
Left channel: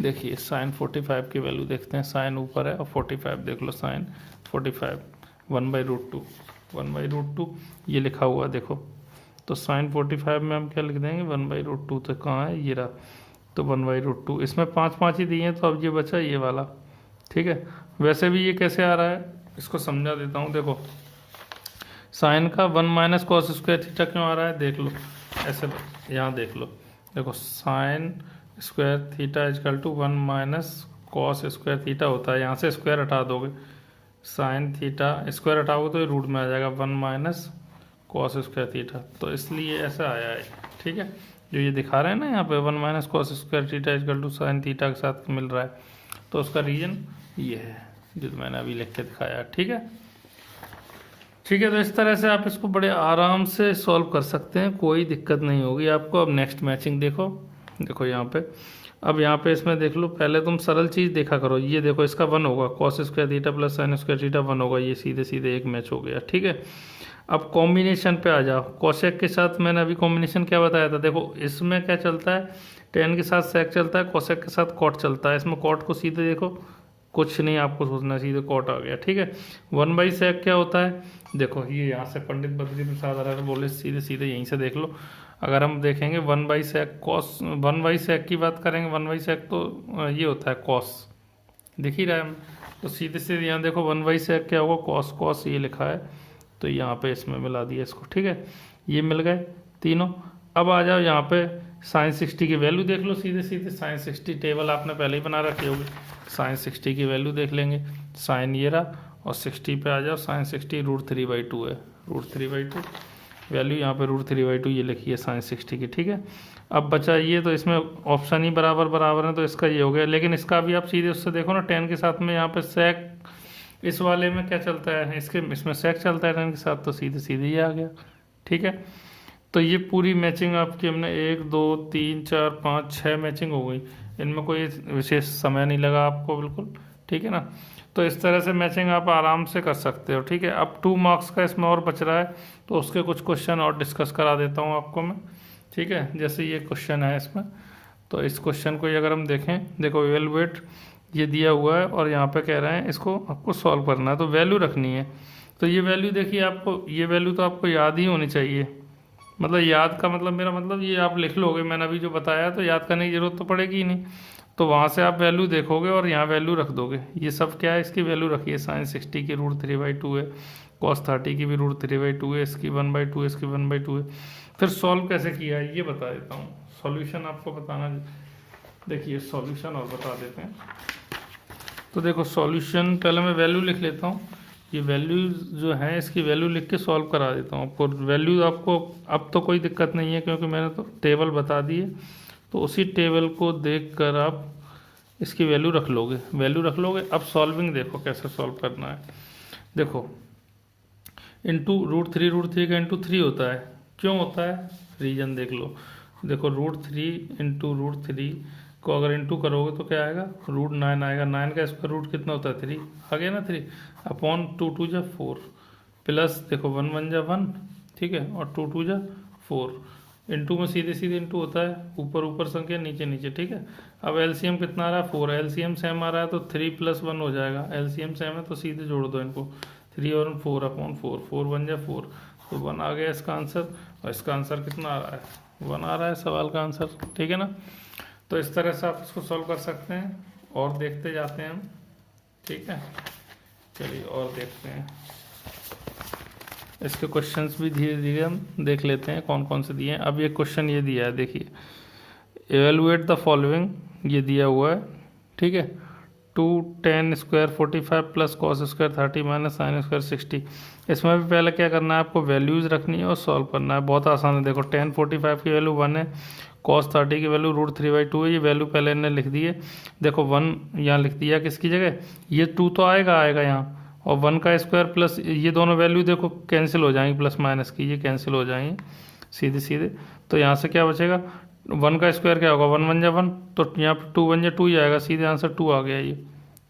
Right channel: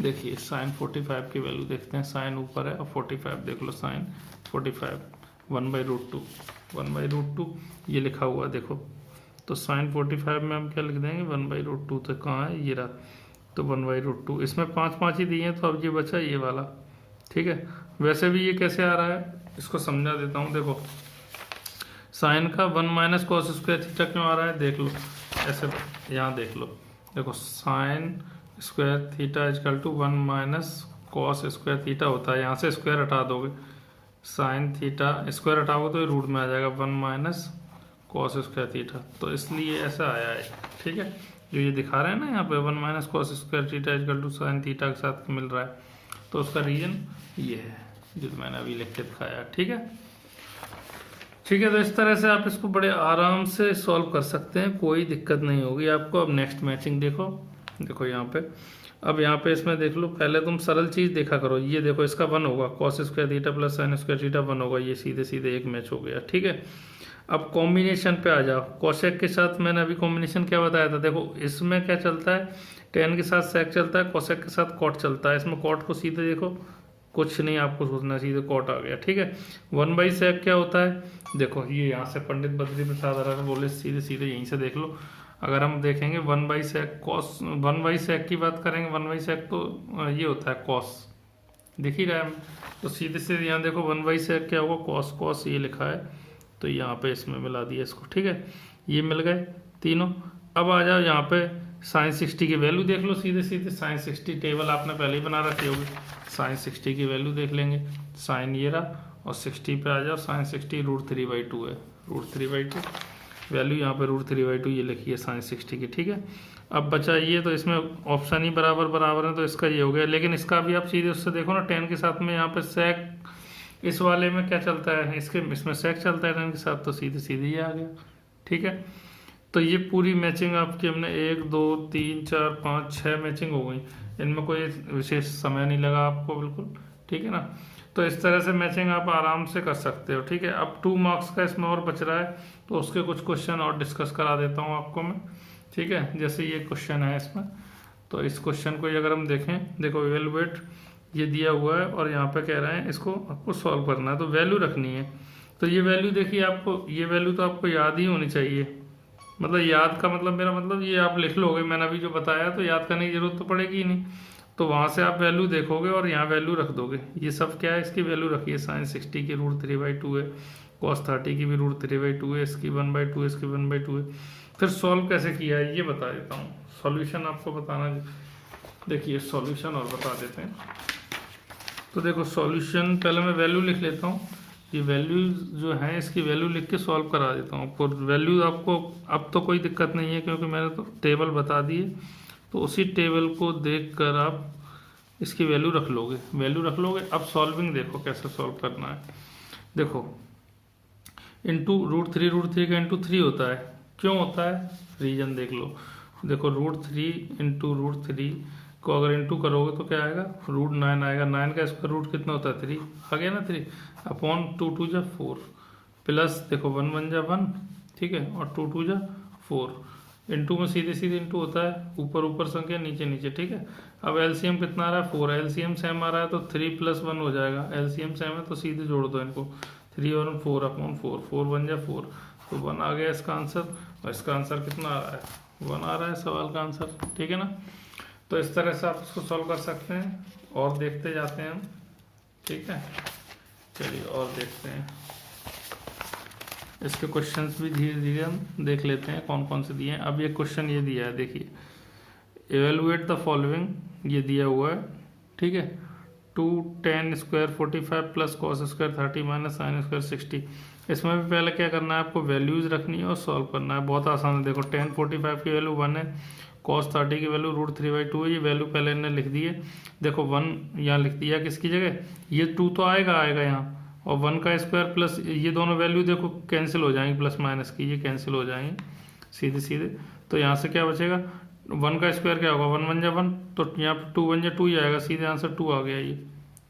देखिए साइन 45 की वैल्यू देखते हैं, साइन ऊपर है और 45 देख लो, साइन 45 1/√2, 1/√2 ये लिखा हुआ है देखो। तो साइन 45 में हम क्या लिख देंगे, 1/√2। तो कहाँ है, ये रहा, तो 1/√2। इसमें 5 ही दिए हैं, तो अब ये बचा ये वाला। ठीक है, वैसे भी ये कैसे आ रहा है इसको समझा देता हूँ। देखो साइन का 1 माइनस कॉस स्क्वायर थीटा क्यों आ रहा है, देख लो ऐसे, यहाँ देख लो। देखो sine square theta equal to 1 minus cos square theta होता है। यहाँ से स्क्वायर हटा दोगे, साइन थीटा स्क्वायर हटाओगे तो ये रूट में आ जाएगा 1 माइनस कॉस स्क्वायर थीटा। तो इसलिए ऐसा आया है। ठीक है, जो ये दिखा रहे हैं ना यहाँ पे 1 minus cos square theta equal to sine theta के साथ मिल रहा है, तो उसका रीजन ये है जो मैंने अभी लिख के दिखाया। ठीक है, ठीक है, तो इस तरह से आप इसको बड़े आराम से सॉल्व कर सकते हैं, कोई दिक्कत नहीं होगी आपको। अब नेक्स्ट मैचिंग देखो, देखो यहाँ पे, अब यहाँ पे इसमें देख लो, पहले तुम सरल चीज देखा करो। ये देखो इसका 1 होगा, cos square theta plus sign square theta 1 होगा, ये सीधे सीधे एक मैच हो गया। ठीक है, अब कॉम्बिनेशन पे आ जाओ। कोसेक के साथ मैंने अभी कॉम्बिनेशन क्या बताया था, देखो इसमें क्या चलता है, tan के साथ सेक चलता है, कोसेक के साथ कॉट चलता है। इसमें कॉट को सीधे देखो, कुछ नहीं आपको सोचना, सीधे कॉट आ गया। ठीक है, 1/sec क्या होता है, देखो ये यहाँ से पंडित बद्री प्रसाद अगर बोले सीधे सीधे यहीं से देख लो। अगर हम देखेंगे 1/sec कॉस, 1/sec की बात करेंगे, 1/sec तो ये होता है कॉस, दिख ही रहा है। तो सीधे सीधे यहाँ देखो 1/sec क्या होगा, कॉस, कॉस ये लिखा है, तो यहाँ पे इसमें मिला दिया इसको। ठीक है, ये मिल गए तीनों। अब आ जाओ यहाँ पे साइन 60 की वैल्यू देख लो सीधे सीधे। साइन 60 टेबल आपने पहले ही बना रखी होगी, साइन 60 की वैल्यू देख लेंगे। साइन ये रहा और 60 पे आ जाओ, साइन 60 √3/2 है, √3/2 वैल्यू यहाँ पे √3/2 ये लिखी है साइन 60 की। ठीक है, अब बचा ये, तो इसमें ऑप्शन ही बराबर बराबर है, तो इसका ये हो गया। लेकिन इसका भी आप सीधे उससे देखो ना, tan के साथ में यहाँ पे सेक, इस वाले में क्या चलता है, इसमें सेक चलता है tan के साथ, तो सीधे सीधे ये आ गया। ठीक है, तो ये पूरी मैचिंग आपकी हमने 1 2 3 4 5 6 मैचिंग हो गई। इनमें कोई विशेष समय नहीं लगा आपको, बिल्कुल। ठीक है ना, तो इस तरह से मैचिंग आप आराम से कर सकते हो। ठीक है, अब 2 मार्क्स का इसमें और बच रहा है, तो उसके कुछ क्वेश्चन और डिस्कस करा देता हूँ आपको मैं। ठीक है, जैसे ये क्वेश्चन है इसमें, तो इस क्वेश्चन को अगर हम देखें, देखो इवेलुएट ये दिया हुआ है और यहाँ पे कह रहे हैं इसको आपको सॉल्व करना है, तो वैल्यू रखनी है। तो ये वैल्यू देखिए, आपको ये वैल्यू तो आपको याद ही होनी चाहिए। मतलब याद का मतलब, मेरा मतलब ये आप लिख लोगे, मैंने अभी जो बताया, तो याद करने की जरूरत तो पड़ेगी ही नहीं। तो वहाँ से आप वैल्यू देखोगे और यहाँ वैल्यू रख दोगे। ये सब क्या है, इसकी वैल्यू रखिए। साइन 60 की √3/2 है, कॉस 30 की भी √3/2 है, इसकी 1/2 है, इसकी 1/2 है। फिर सॉल्व कैसे किया है ये बता देता हूँ, सॉल्यूशन आपको बताना। देखिए सॉल्यूशन और बता देते हैं। तो देखो सॉल्यूशन, पहले मैं वैल्यू लिख लेता हूँ। ये वैल्यू जो है, इसकी वैल्यू लिख के सॉल्व करा देता हूँ आपको। वैल्यू आपको अब तो कोई दिक्कत नहीं है, क्योंकि मैंने तो टेबल बता दी है, तो उसी टेबल को देखकर आप इसकी वैल्यू रख लोगे, वैल्यू रख लोगे। अब सॉल्विंग देखो कैसे सॉल्व करना है। देखो इंटू √3 का इंटू 3 होता है, क्यों होता है, रीजन देख लो। देखो √3 इंटू √3 को अगर इंटू करोगे तो क्या आएगा, √9 आएगा। 9 का स्क्वायर रूट कितना होता है, 3 आ गया ना, 3 अपॉन 2 2 जा 4 प्लस देखो 1 1 जा 1, ठीक है, और 2 2 जा 4, इंटू में सीधे सीधे इंटू होता है, ऊपर ऊपर संख्या नीचे नीचे, ठीक है। अब एलसीएम कितना आ रहा है 4, एलसीएम सेम आ रहा है तो 3 + 1 हो जाएगा, एलसीएम सेम है तो सीधे जोड़ दो इनको, 3 और 4/4, 4 1 जा 4, तो 1 आ गया इसका आंसर। इसका आंसर कितना आ रहा है 1 आ रहा है सवाल का आंसर, ठीक है ना। तो इस तरह से आप इसको सॉल्व कर सकते हैं और देखते जाते हैं, ठीक है। चलिए और देखते हैं, इसके क्वेश्चंस भी धीरे धीरे हम देख लेते हैं कौन कौन से दिए हैं। अब ये क्वेश्चन ये दिया है, देखिए एवेलुएट द फॉलोइंग, ये दिया हुआ है, ठीक है। 2 tan square 45 plus cos square 30 minus sine square 60। इसमें भी पहले क्या करना है आपको, वैल्यूज रखनी है और सॉल्व करना है, बहुत आसान है। देखो tan 45 की वैल्यू 1 है, cos 30 की वैल्यू √3/2 है, ये वैल्यू पहले इन्हें लिख दी है। देखो 1 यहाँ लिख दिया किसकी जगह, ये 2 तो आएगा यहाँ, और 1 का स्क्वायर प्लस ये दोनों वैल्यू देखो कैंसिल हो जाएंगी, प्लस माइनस की ये कैंसिल हो जाएंगी सीधे सीधे। तो यहाँ से क्या बचेगा, 1 का स्क्वायर क्या होगा 1 1 जा 1, तो यहाँ पे 2 1 जा 2 ही आएगा, सीधे आंसर 2 आ गया ये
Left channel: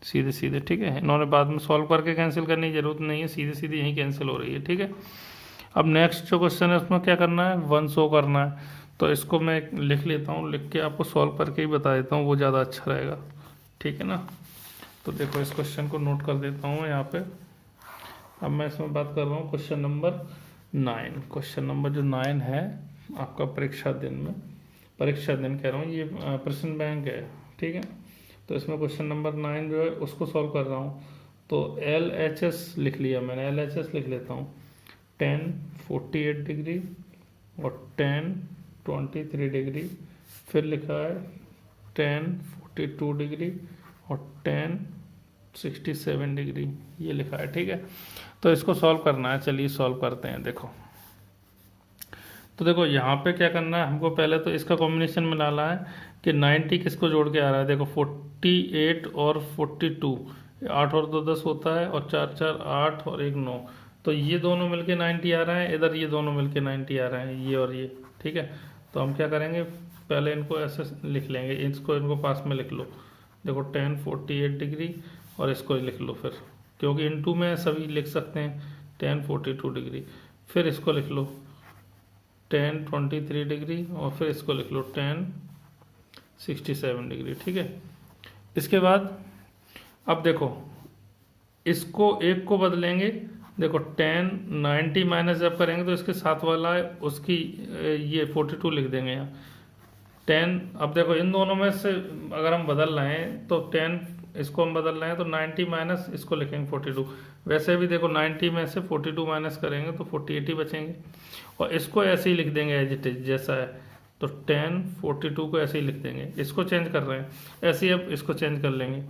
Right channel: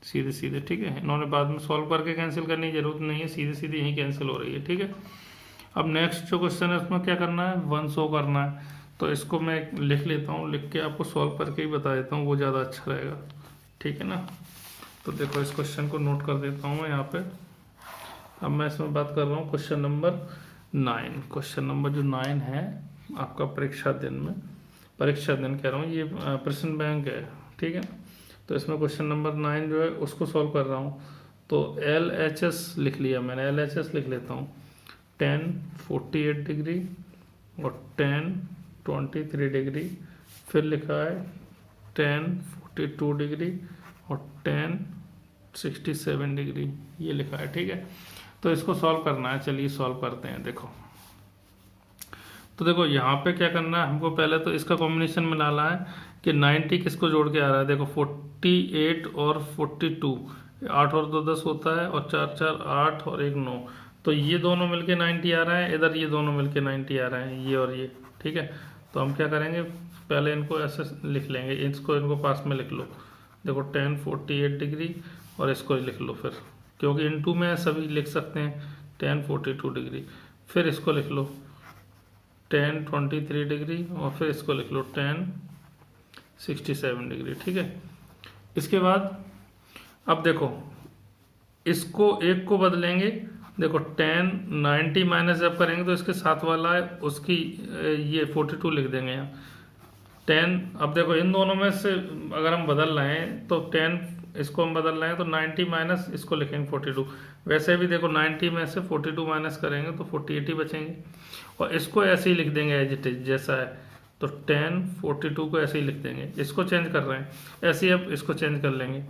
सीधे सीधे, ठीक है। इन्होंने बाद में सॉल्व करके कैंसिल करने की जरूरत नहीं है, सीधे सीधे यही कैंसिल हो रही है, ठीक है। अब नेक्स्ट जो क्वेश्चन है उसमें क्या करना है, 1 शो करना है, तो इसको मैं लिख लेता हूँ, लिख के आपको सॉल्व करके ही बता देता हूँ, वो ज़्यादा अच्छा रहेगा, ठीक है ना। तो देखो इस क्वेश्चन को नोट कर देता हूँ यहाँ पे। अब मैं इसमें बात कर रहा हूँ क्वेश्चन नंबर 9। क्वेश्चन नंबर जो 9 है आपका परीक्षा दिन कह रहा हूँ, ये प्रश्न बैंक है, ठीक है। तो इसमें क्वेश्चन नंबर 9 जो है उसको सॉल्व कर रहा हूँ। तो LHS लिख लिया मैंने, LHS लिख लेता हूँ, tan 48 डिग्री और tan 23 डिग्री, फिर लिखा है tan 42 डिग्री और tan 67 डिग्री, ये लिखा है, ठीक है। तो इसको सॉल्व करना है, चलिए सॉल्व करते हैं। देखो तो देखो यहाँ पे क्या करना है हमको, पहले तो इसका कॉम्बिनेशन में डाला है कि 90 किसको जोड़ के आ रहा है, देखो 48 और 42, 8 और 2 10 होता है, और 4 4 8 और 1 9, तो ये दोनों मिलके 90 आ रहा है, इधर ये दोनों मिलके 90 आ रहे हैं, ये और ये, ठीक है। तो हम क्या करेंगे, पहले इनको ऐसे लिख लेंगे, इनको पास में लिख लो। देखो tan 48 डिग्री और इसको लिख लो फिर, क्योंकि इनटू में सभी लिख सकते हैं, tan 42 डिग्री, फिर इसको लिख लो tan 23 डिग्री, और फिर इसको लिख लो tan 67 डिग्री, ठीक है। इसके बाद अब देखो इसको एक को बदलेंगे, देखो tan 90 माइनस जब करेंगे तो इसके साथ वाला है उसकी ये 42 लिख देंगे यहाँ tan। अब देखो इन दोनों में से अगर हम बदल रहे हैं तो tan इसको हम बदल रहे हैं तो 90 माइनस इसको लिखेंगे 42। वैसे भी देखो 90 में से 42 माइनस करेंगे तो 48 ही बचेंगे, और इसको ऐसे ही लिख देंगे एज इट इज जैसा है, तो tan 42 को ऐसे ही लिख देंगे। इसको चेंज कर रहे हैं ऐसे ही, अब इसको चेंज कर लेंगे।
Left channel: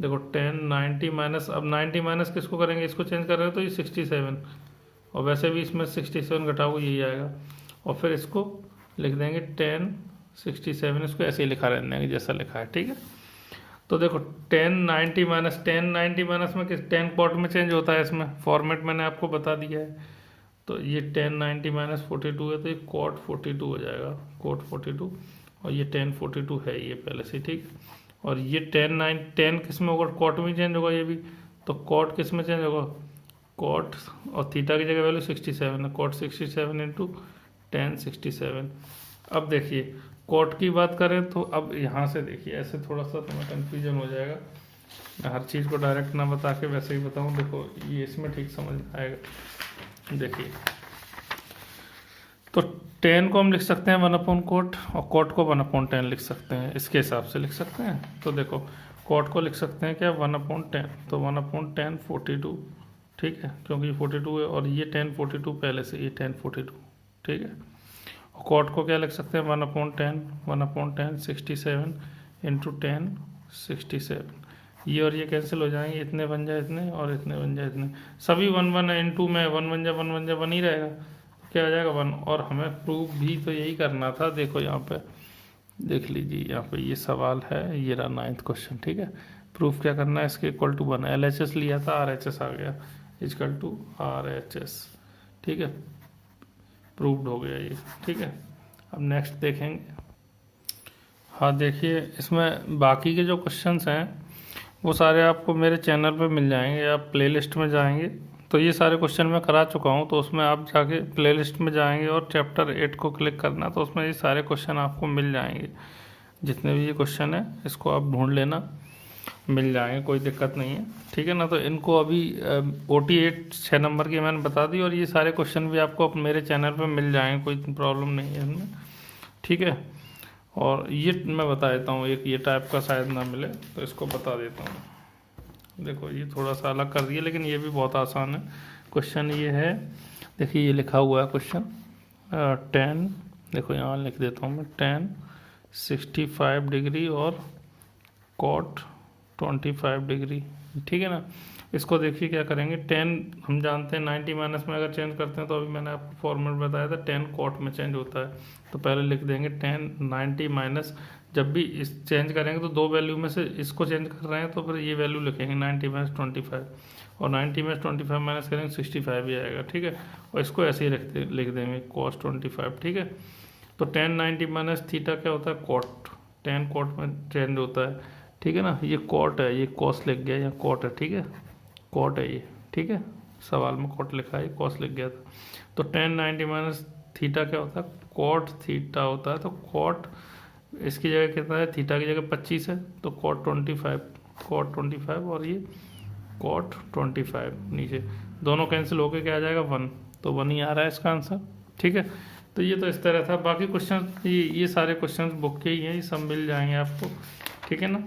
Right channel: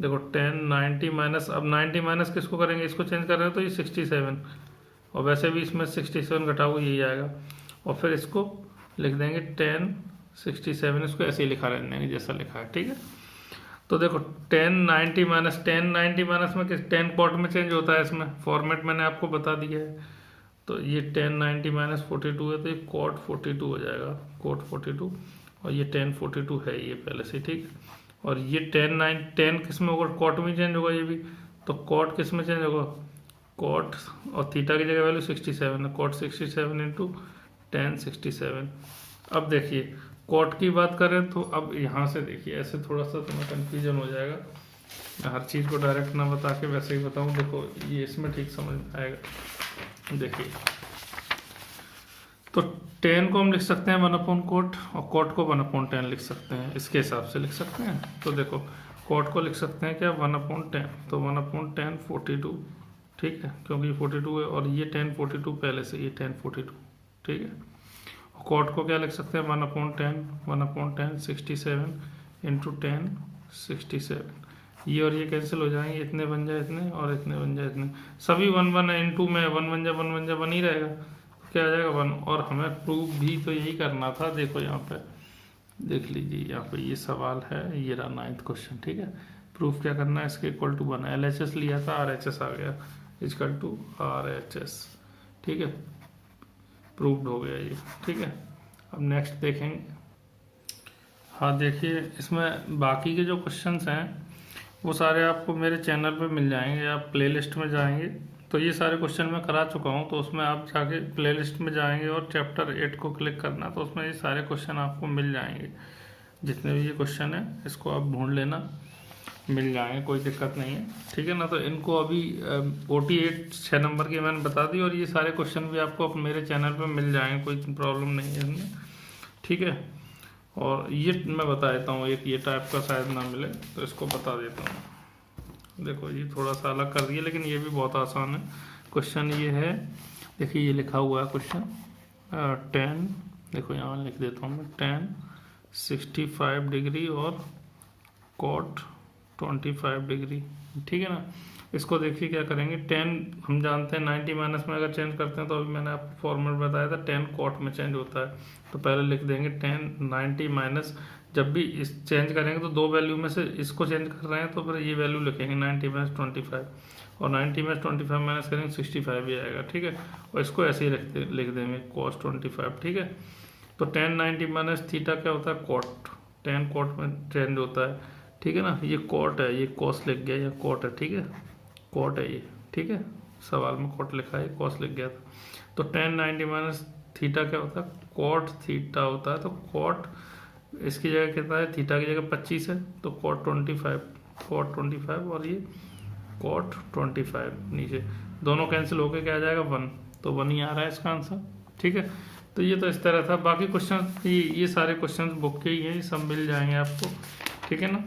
देखो tan 90 माइनस, अब 90 माइनस किसको करेंगे, इसको चेंज कर रहे हैं तो ये 67, और वैसे भी इसमें 67 घटाओगे यही आएगा, और फिर इसको लिख देंगे tan 67, इसको ऐसे ही लिखा रहने देंगे जैसा लिखा है, ठीक है। तो देखो tan 90 माइनस में किस tan कॉट में चेंज होता है, इसमें फॉर्मेट मैंने आपको बता दिया है। तो ये tan 90 माइनस 42 है तो ये cot 42 हो जाएगा, cot 42, और ये tan 42 है ये पहले से, ठीक। और ये tan किस में होगा, cot में चेंज होगा ये भी, तो cot किस में चेंज होगा, cot, और थीटा की जगह वैल्यू 67 है, cot 67 इंटू tan 67। अब देखिए कॉट की बात करें तो अब यहाँ से देखिए ऐसे थोड़ा सा तुम्हें कंफ्यूजन हो जाएगा, मैं हर चीज़ को डायरेक्ट ना बता के वैसे ही बताऊँ। देखो ये इसमें ठीक समझ आएगा। देखिए तो tan को हम लिख सकते हैं 1/cot, और cot को 1/10 लिख सकते हैं, इसके हिसाब से लिख सकते हैं। तो देखो cot को लिख सकते हैं क्या 1/10, तो 1/10 42, ठीक है, क्योंकि 42 है, और ये tan 42 पहले से, ये tan 42, ठीक है। कॉट को क्या लिख सकते हैं 1/10 67 इंटू tan 67, ये और ये कैंसिल हो जाएंगे, इतने बन जाए इतने और इतने बन जाए इतने, सभी 1 1 इंटू में 1 1 जा 1 ही रहेगा, क्या आ जाएगा 1। और हमें प्रूफ भी तो यही करना था। देखो यहाँ पे देख लीजिए, यहाँ पे ये सवाल है, ये रहा 9th क्वेश्चन, ठीक है। प्रूफ क्या करना है, इसके इक्वल टू 1, LHS लिया था RHS आ गया, इक्वल टू RHS, ठीक है, प्रूव्ड हो गया ये, ठीक है। अब नेक्स्ट देखेंगे। हाँ देखिए इसमें बाकी के जो क्वेश्चंस हैं वो सारे आपको मेरे चैनल पे मिल जाएंगे, आप प्लेलिस्ट में जाएंगे तो ये सारे क्वेश्चन मैं करा चुका हूँ, तो उसमें आप जाके प्लेलिस्ट में जाएंगे और चैप्टर 8 को क्लिक करना, तो उसमें ये सारे क्वेश्चन आपको मिल जाएंगे। जितने भी ये क्वेश्चन है इसको आप ढूंढ लेना, मिल जाएंगे, कोई दिक्कत नहीं है, ठीक है ना। तो इनको अभी OT8 6 नंबर की मैंने बता दी, और ये सारे क्वेश्चन भी आपको मेरे चैनल पे मिल जाएंगे, कोई प्रॉब्लम नहीं है इसमें, ठीक है। और ये मैं बता देता हूँ, एक ये टाइप का शायद ना मिले तो इसको बता देता हूँ। देखो ये थोड़ा सा अलग कर दिया, लेकिन ये भी बहुत आसान है। क्वेश्चन ये है, देखिए ये लिखा हुआ है क्वेश्चन 10, देखो यहाँ लिख देता हूँ मैं 10 65 डिग्री और कॉट 25 डिग्री, ठीक है ना। इसको देखिए क्या करेंगे, 10 हम जानते हैं 90 माइनस में अगर चेंज करते हैं, तो अभी मैंने आपको फॉर्मूला बताया था 10 कॉट में चेंज होता है। तो पहले लिख देंगे 10 90 माइनस, जब भी इस चेंज करेंगे तो दो वैल्यू में से इसको चेंज कर रहे हैं, तो फिर ये वैल्यू लिखेंगे 90 माइनस 25, और 90 में 25 माइनस करेंगे 65 ही आएगा, ठीक है। और इसको ऐसे ही लिख देंगे cos 25, ठीक है। तो 10 90 माइनस थीटा क्या होता है, कॉट, 10 कॉट में चेंज होता है, ठीक है ना। ये कॉट है, ये कॉस लिख गया, ये कॉट है, ठीक है, कॉट है ये, ठीक है। सवाल में कॉट लिखा है, कॉस लिख गया था। तो 10 90 माइनस थीटा क्या होता है, कॉट थीटा होता है। तो कॉट इसकी जगह कितना है, थीटा की जगह 25 है, तो कॉट 25, कॉट 25, और ये कॉट 25 नीचे दोनों कैंसिल होकर क्या आ जाएगा 1, तो 1 ही आ रहा है इसका आंसर, ठीक है। तो ये तो इस तरह था, बाकी क्वेश्चन ये सारे क्वेश्चन बुक के ही हैं, ये सब मिल जाएंगे आपको, ठीक है ना।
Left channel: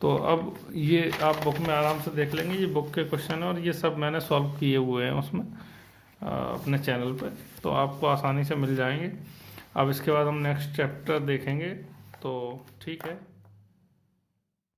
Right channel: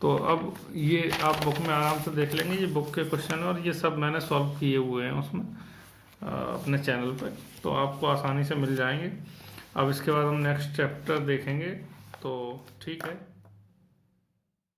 तो अब ये आप बुक में आराम से देख लेंगे, ये बुक के क्वेश्चन और ये सब मैंने सॉल्व किए हुए हैं उसमें अपने चैनल पे, तो आपको आसानी से मिल जाएंगे। अब इसके बाद हम नेक्स्ट चैप्टर देखेंगे, तो ठीक है।